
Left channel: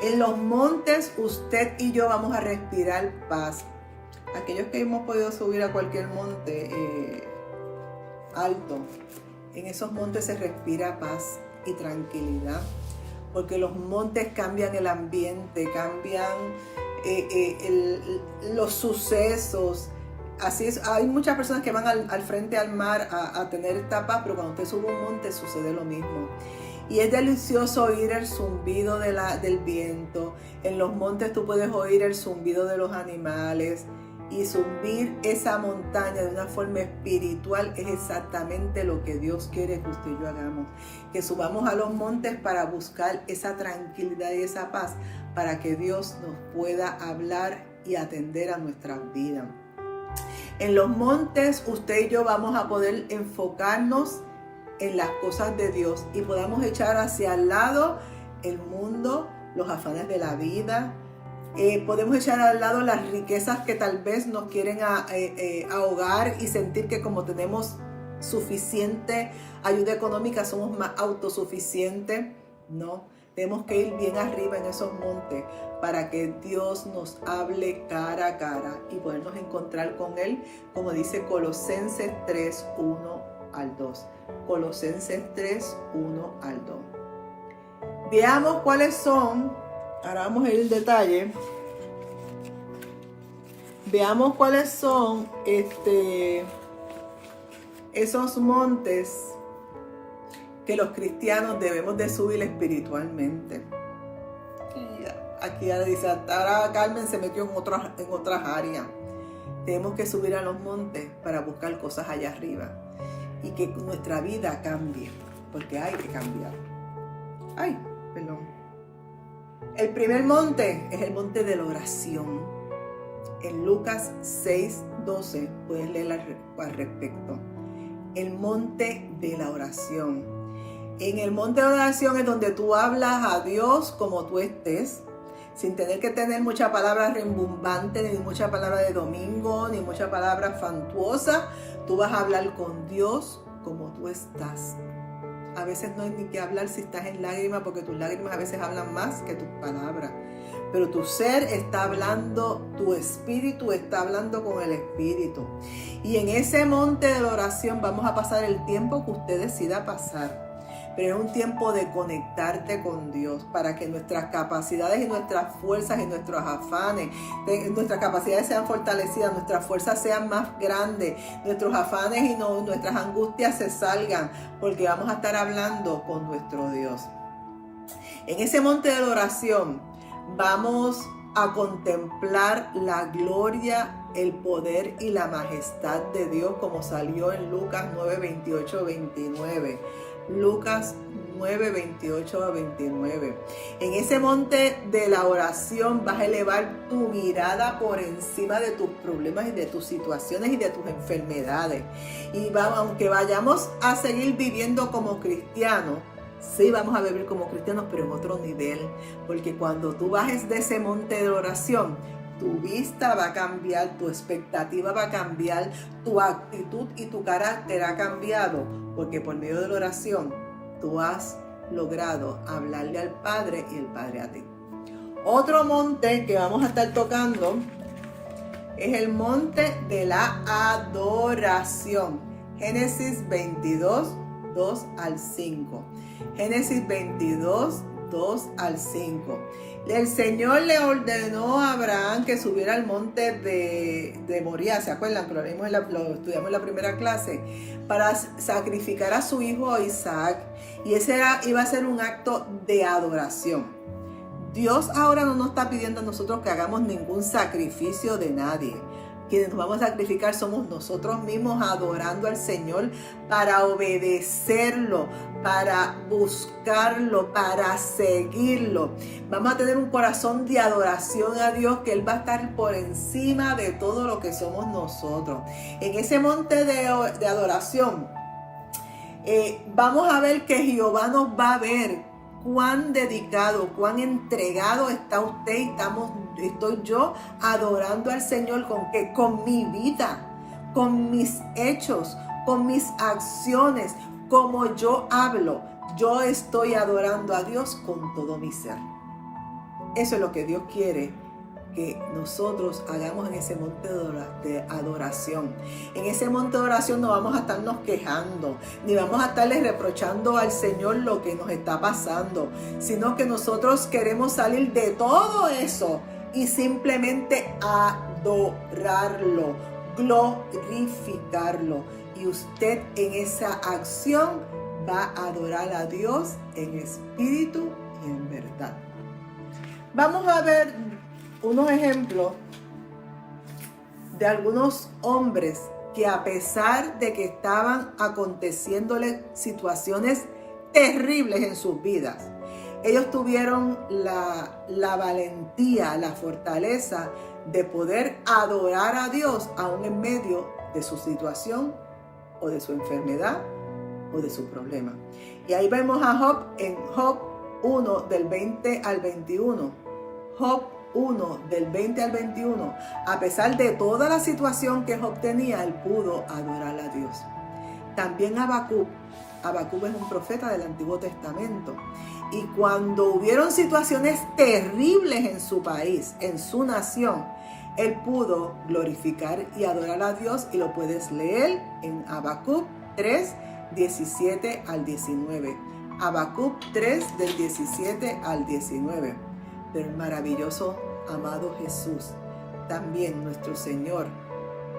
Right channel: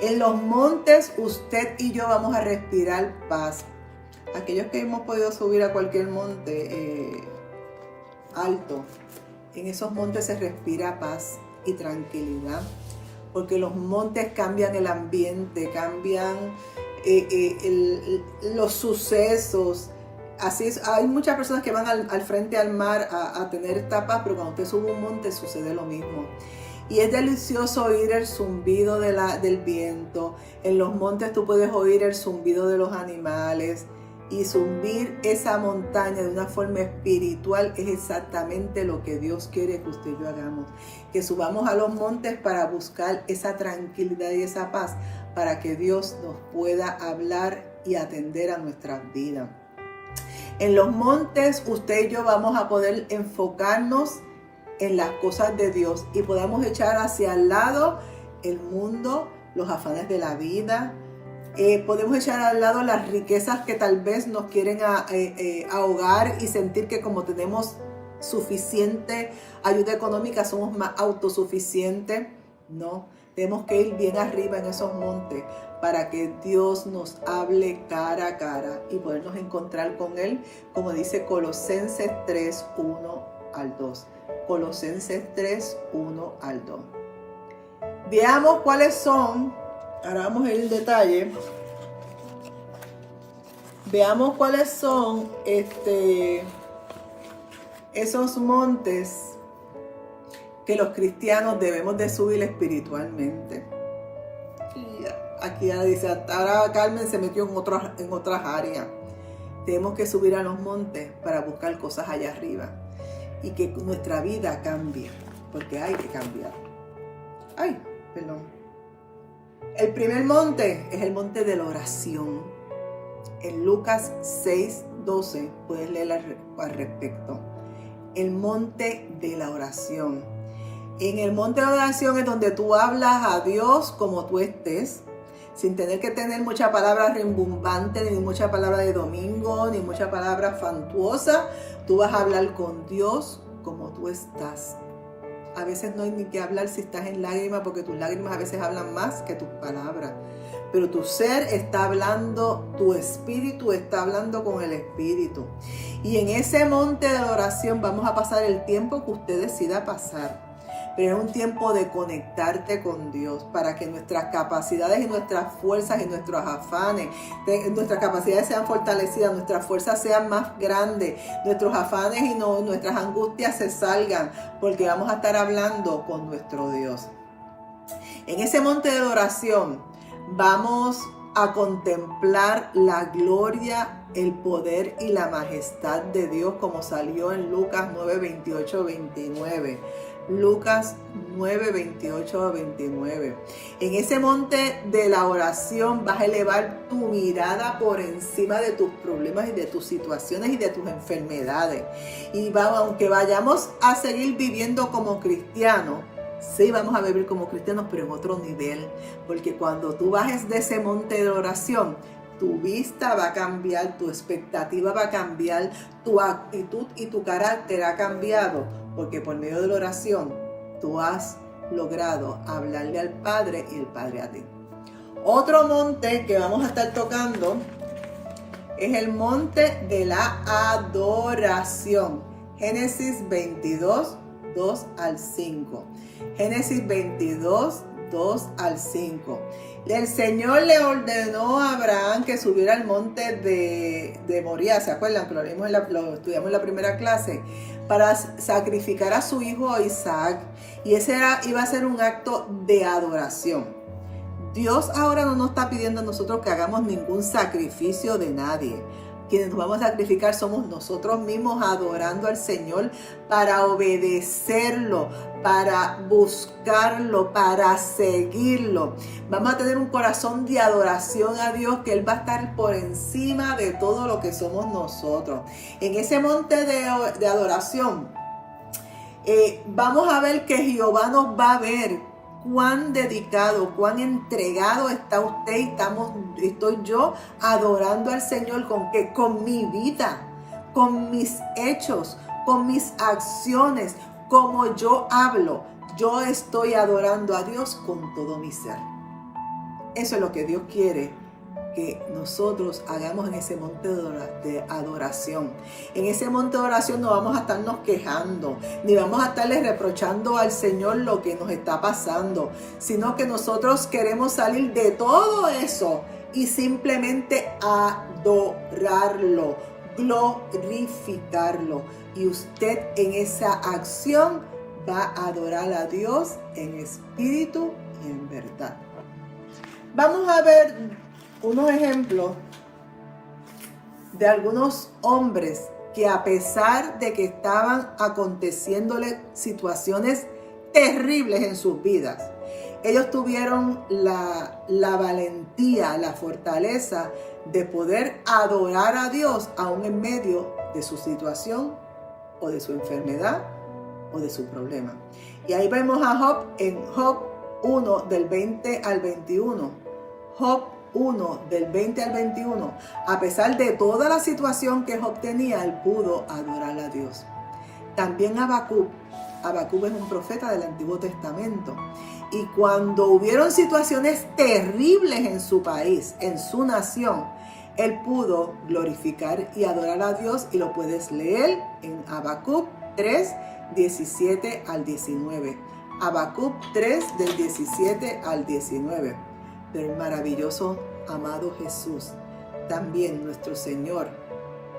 En los montes usted y yo vamos a respirar paz. Aquellos que hemos podido subir a cualquier monte alto, en esos montes se respira paz y tranquilidad, porque los montes cambian el ambiente, cambian los sucesos. Así es, hay muchas personas que van al frente al mar a tener esta paz, pero cuando usted sube un monte sucede lo mismo. Y es delicioso oír el zumbido del viento. En los montes tú puedes oír el zumbido de los animales. Y subir esa montaña de una forma espiritual es exactamente lo que Dios quiere que usted y yo hagamos. Que subamos a los montes para buscar esa tranquilidad y esa paz, para que Dios nos pueda hablar y atender a nuestras vidas. En los montes usted y yo vamos a poder enfocarnos en las cosas de Dios y podamos echar hacia el lado el mundo, los afanes de la vida. Podemos echar al lado las riquezas que tal vez nos quieren ahogar y sentir que como tenemos suficiente ayuda económica somos más autosuficientes. No, tenemos que ir bien arriba en esos montes para que Dios nos hable cara a cara y podernos encontrar con Él, como dice Colosenses 3, 1 al 2. Colosenses 3, 1 al 2. Veamos cuáles son. Ahora vamos a ir en detalle. Veamos cuáles son esos montes que los cristianos debemos de subir espiritualmente. Y aquí ahora dice, ahora Carmen se metió en otras áreas. Tenemos que subir a los montes para buscar cosas allá arriba. y que nuestra vida cambie, porque hay que cambiar. El primer monte es el monte de la oración. En Lucas 6:12 puedes leer al respecto. El monte de la oración. En el monte de la oración es donde tú hablas a Dios como tú estés, sin tener que tener mucha palabra rimbombante, ni mucha palabra de domingo, ni mucha palabra fantuosa. Tú vas a hablar con Dios como tú estás. A veces no hay ni que hablar si estás en lágrimas, porque tus lágrimas a veces hablan más que tus palabras. Pero tu ser está hablando, tu espíritu está hablando con el espíritu. Y en ese monte de la oración vamos a pasar el tiempo que usted decida pasar. Pero es un tiempo de conectarte con Dios para que nuestras capacidades y nuestras fuerzas y nuestros afanes, nuestras capacidades sean fortalecidas, nuestras fuerzas sean más grandes, nuestros afanes y nuestras angustias se salgan, porque vamos a estar hablando con nuestro Dios. En ese monte de la oración vamos a contemplar la gloria, el poder y la majestad de Dios, como salió en Lucas 9:28-29. Lucas 9:28-29. En ese monte de la oración vas a elevar tu mirada por encima de tus problemas y de tus situaciones y de tus enfermedades. Y aunque vayamos a seguir viviendo como cristianos, sí vamos a vivir como cristianos, pero en otro nivel. Porque cuando tú bajes de ese monte de oración, tu vista va a cambiar, tu expectativa va a cambiar, tu actitud y tu carácter ha cambiado, porque por medio de la oración tú has logrado hablarle al Padre y el Padre a ti. Otro monte que vamos a estar tocando es el monte de la adoración. Génesis 22, 2 al 5. Génesis 22, 2 al 5. El Señor le ordenó a Abraham que subiera al monte de Moría, ¿se acuerdan? Que lo estudiamos en la primera clase, para sacrificar a su hijo Isaac, y ese iba a ser un acto de adoración. Dios ahora no nos está pidiendo a nosotros que hagamos ningún sacrificio de nadie. Quienes nos vamos a sacrificar somos nosotros mismos, adorando al Señor para obedecerlo, para buscarlo, para seguirlo. Vamos a tener un corazón de adoración a Dios, que Él va a estar por encima de todo lo que somos nosotros. En ese monte de adoración vamos a ver que Jehová nos va a ver cuán dedicado, cuán entregado está usted y estoy yo adorando al Señor. ¿Con qué? Con mi vida, con mis hechos, con mis acciones, como yo hablo. Yo estoy adorando a Dios con todo mi ser. Eso es lo que Dios quiere que nosotros hagamos en ese monte de adoración. En ese monte de oración no vamos a estarnos quejando, ni vamos a estarle reprochando al Señor lo que nos está pasando, sino que nosotros queremos salir de todo eso y simplemente adorarlo, glorificarlo. Y usted en esa acción va a adorar a Dios en espíritu y en verdad. Vamos a ver unos ejemplos de algunos hombres que, a pesar de que estaban aconteciéndole situaciones terribles en sus vidas, ellos tuvieron la valentía, la fortaleza de poder adorar a Dios aún en medio de su situación o de su enfermedad o de su problema. Y ahí vemos a Job en Job 1 del 20 al 21. Job 1 del 20 al 21. A pesar de toda la situación que Job tenía, él pudo adorar a Dios. También Habacuc es un profeta del Antiguo Testamento. Y cuando hubieron situaciones terribles en su país, en su nación, él pudo glorificar y adorar a Dios, y lo puedes leer en Habacuc 3, 17 al 19. Habacuc 3 del 17 al 19. Pero el maravilloso amado Jesús, también nuestro Señor,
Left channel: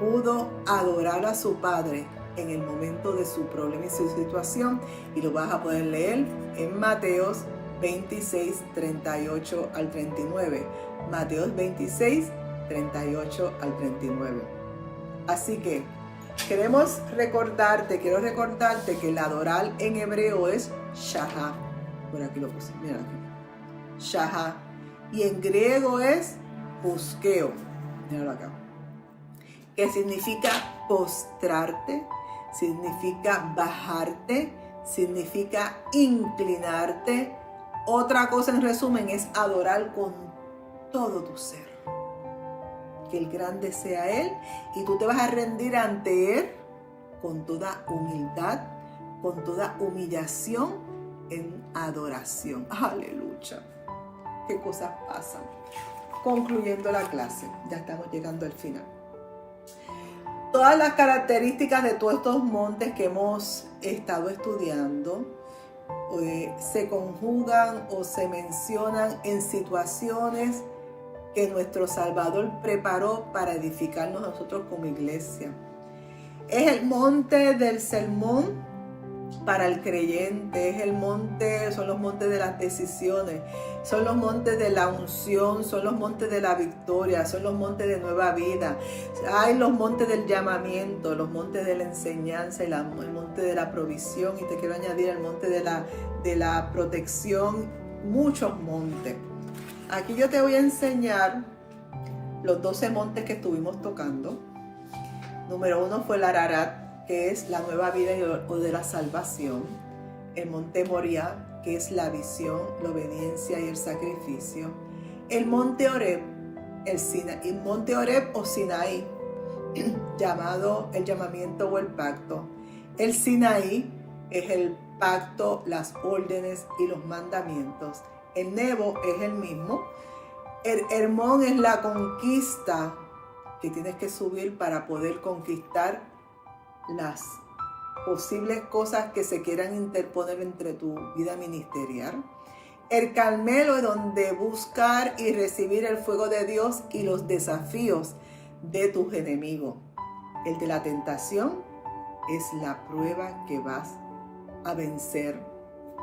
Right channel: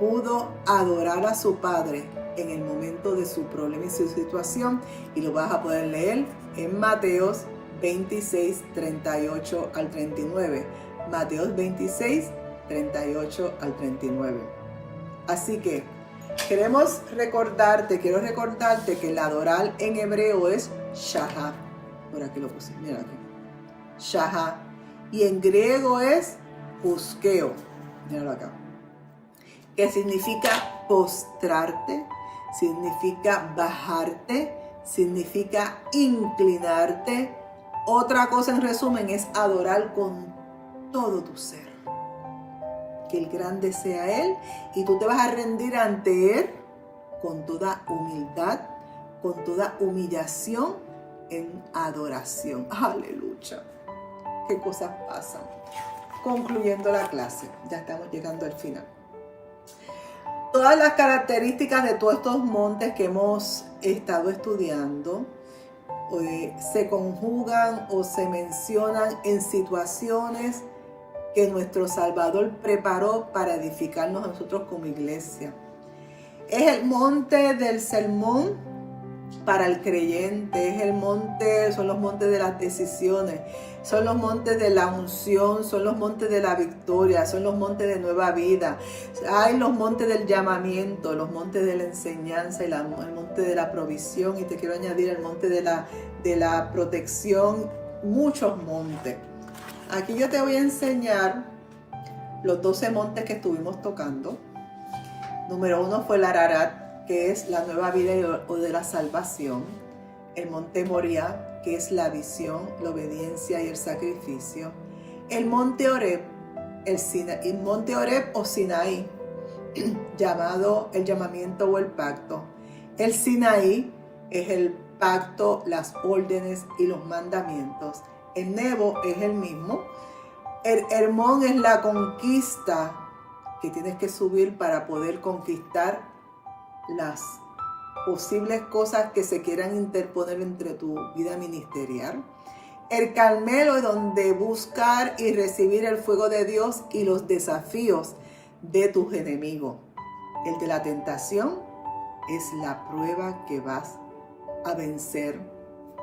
pudo adorar a su Padre en el momento de su problema y su situación, y lo vas a poder leer en Mateos 26, 38 al 39. Mateos 26, 38 al 39. Así que Quiero recordarte que el adorar en hebreo es shahá. Por aquí lo puse, mira aquí. Shahá. Y en griego es puskeo. Míralo acá. Que significa postrarte, significa bajarte, significa inclinarte. Otra cosa en resumen es adorar con todo tu ser. Que el grande sea Él y tú te vas a rendir ante Él con toda humildad, con toda humillación en adoración. Aleluya. Qué cosas pasan. Concluyendo la clase, ya estamos llegando al final. Todas las características de todos estos montes que hemos estado estudiando se conjugan o se mencionan en situaciones que nuestro Salvador preparó para edificarnos a nosotros como iglesia. Es el monte del sermón para el creyente, son los montes de las decisiones, son los montes de la unción, son los montes de la victoria, son los montes de nueva vida. Hay los montes del llamamiento, los montes de la enseñanza, el monte de la provisión, y te quiero añadir el monte de la protección, muchos montes. Aquí yo te voy a enseñar los 12 montes que estuvimos tocando. Número 1 fue el Ararat, que es la nueva vida o de la salvación. El monte Moriah, que es la visión, la obediencia y el sacrificio. El monte Horeb, el monte Horeb o Sinaí, llamado el llamamiento o el pacto. El Sinaí es el pacto, las órdenes y los mandamientos. El Nebo es el mismo. El Hermón es la conquista que tienes que subir para poder conquistar las posibles cosas que se quieran interponer entre tu vida ministerial. El Carmelo es donde buscar y recibir el fuego de Dios y los desafíos de tus enemigos. El de la tentación es la prueba que vas a vencer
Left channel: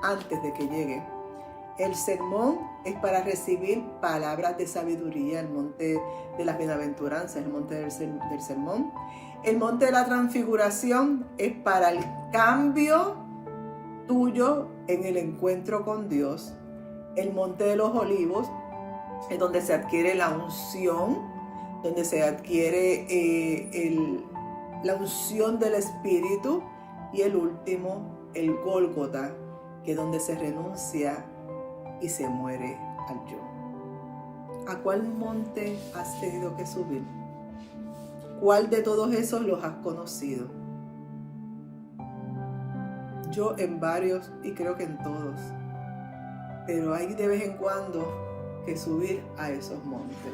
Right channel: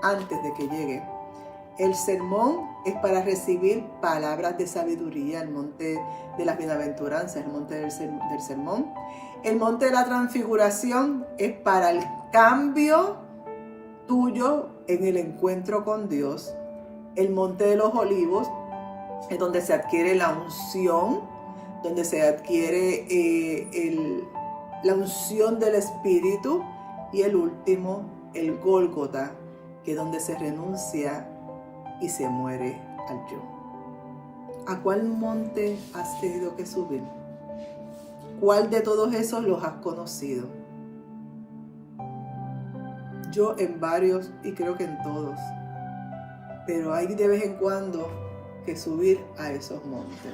antes de que llegue. El sermón es para recibir palabras de sabiduría, el monte de las bienaventuranzas, el monte del sermón. El monte de la transfiguración es para el cambio tuyo en el encuentro con Dios. El monte de los olivos es donde se adquiere la unción, donde se adquiere la unción del Espíritu. Y el último, el Gólgota, que es donde se renuncia y se muere al yo. ¿A cuál monte has tenido que subir? ¿Cuál de todos esos los has conocido? Yo en varios y creo que en todos. Pero hay de vez en cuando que subir a esos montes.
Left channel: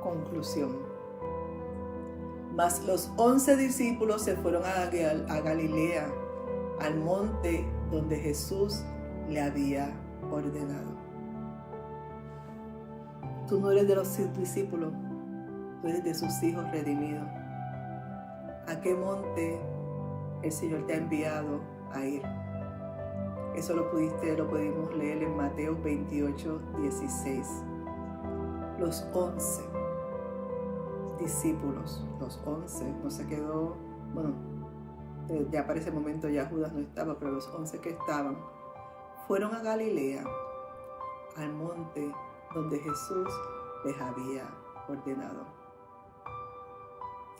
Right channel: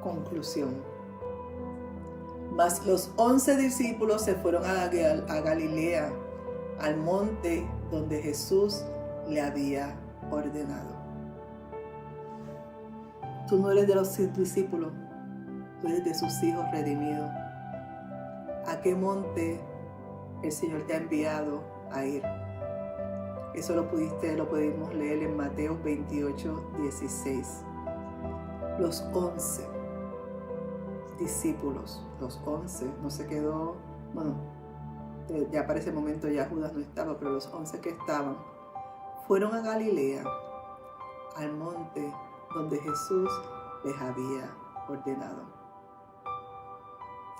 Conclusión. Mas los 11 discípulos se fueron a Galilea, al monte donde Jesús le había ordenado. Tú no eres de los discípulos, tú eres de sus hijos redimidos. ¿A qué monte el Señor te ha enviado a ir? Eso lo pudimos leer en Mateo 28, 16. Los 11 discípulos, los 11, no se quedó, bueno, ya para ese momento ya Judas no estaba, pero los 11 que estaban, fueron a Galilea, al monte donde Jesús les había ordenado.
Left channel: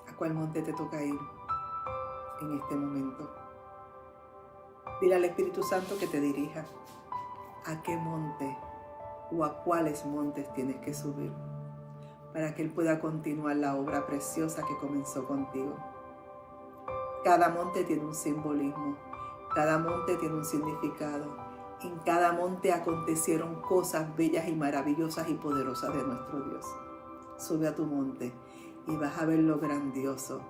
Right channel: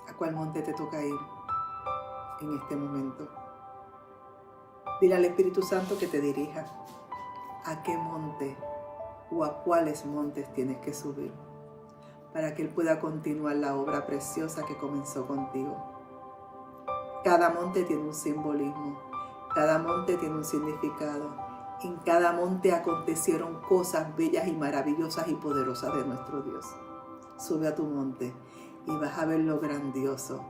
¿A cuál monte te toca ir en este momento? Dile al Espíritu Santo que te dirija. ¿A qué monte o a cuáles montes tienes que subir para que Él pueda continuar la obra preciosa que comenzó contigo? Cada monte tiene un simbolismo, cada monte tiene un significado. En cada monte acontecieron cosas bellas y maravillosas y poderosas de nuestro Dios. Sube a tu monte y vas a ver lo grandioso,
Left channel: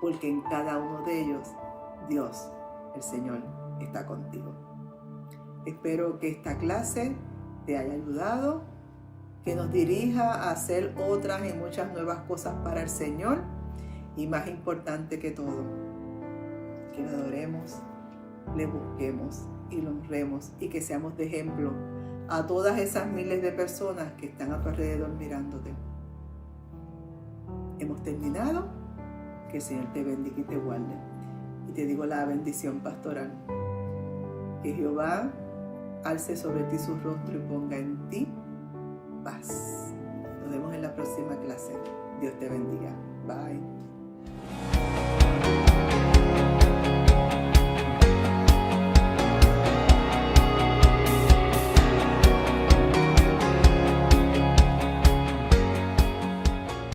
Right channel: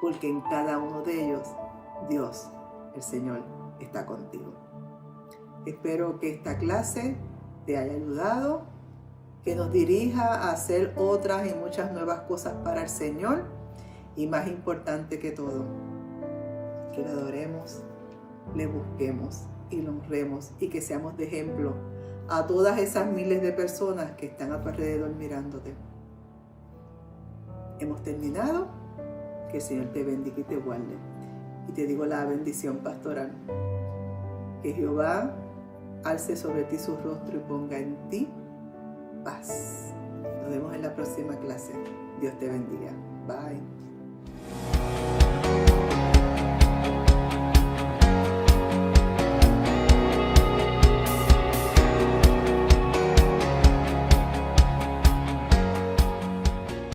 porque en cada uno de ellos Dios, el Señor, está contigo. Espero que esta clase te haya ayudado, que nos dirija a hacer otras y muchas nuevas cosas para el Señor, y más importante que todo, que lo adoremos, le busquemos y lo honremos, y que seamos de ejemplo a todas esas miles de personas que están a tu alrededor mirándote. hemos terminado. Que el Señor te bendiga y te guarde. Y te digo la bendición pastoral. Que Jehová alce sobre ti su rostro y ponga en ti paz. Nos vemos en la próxima clase. Dios te bendiga. Bye.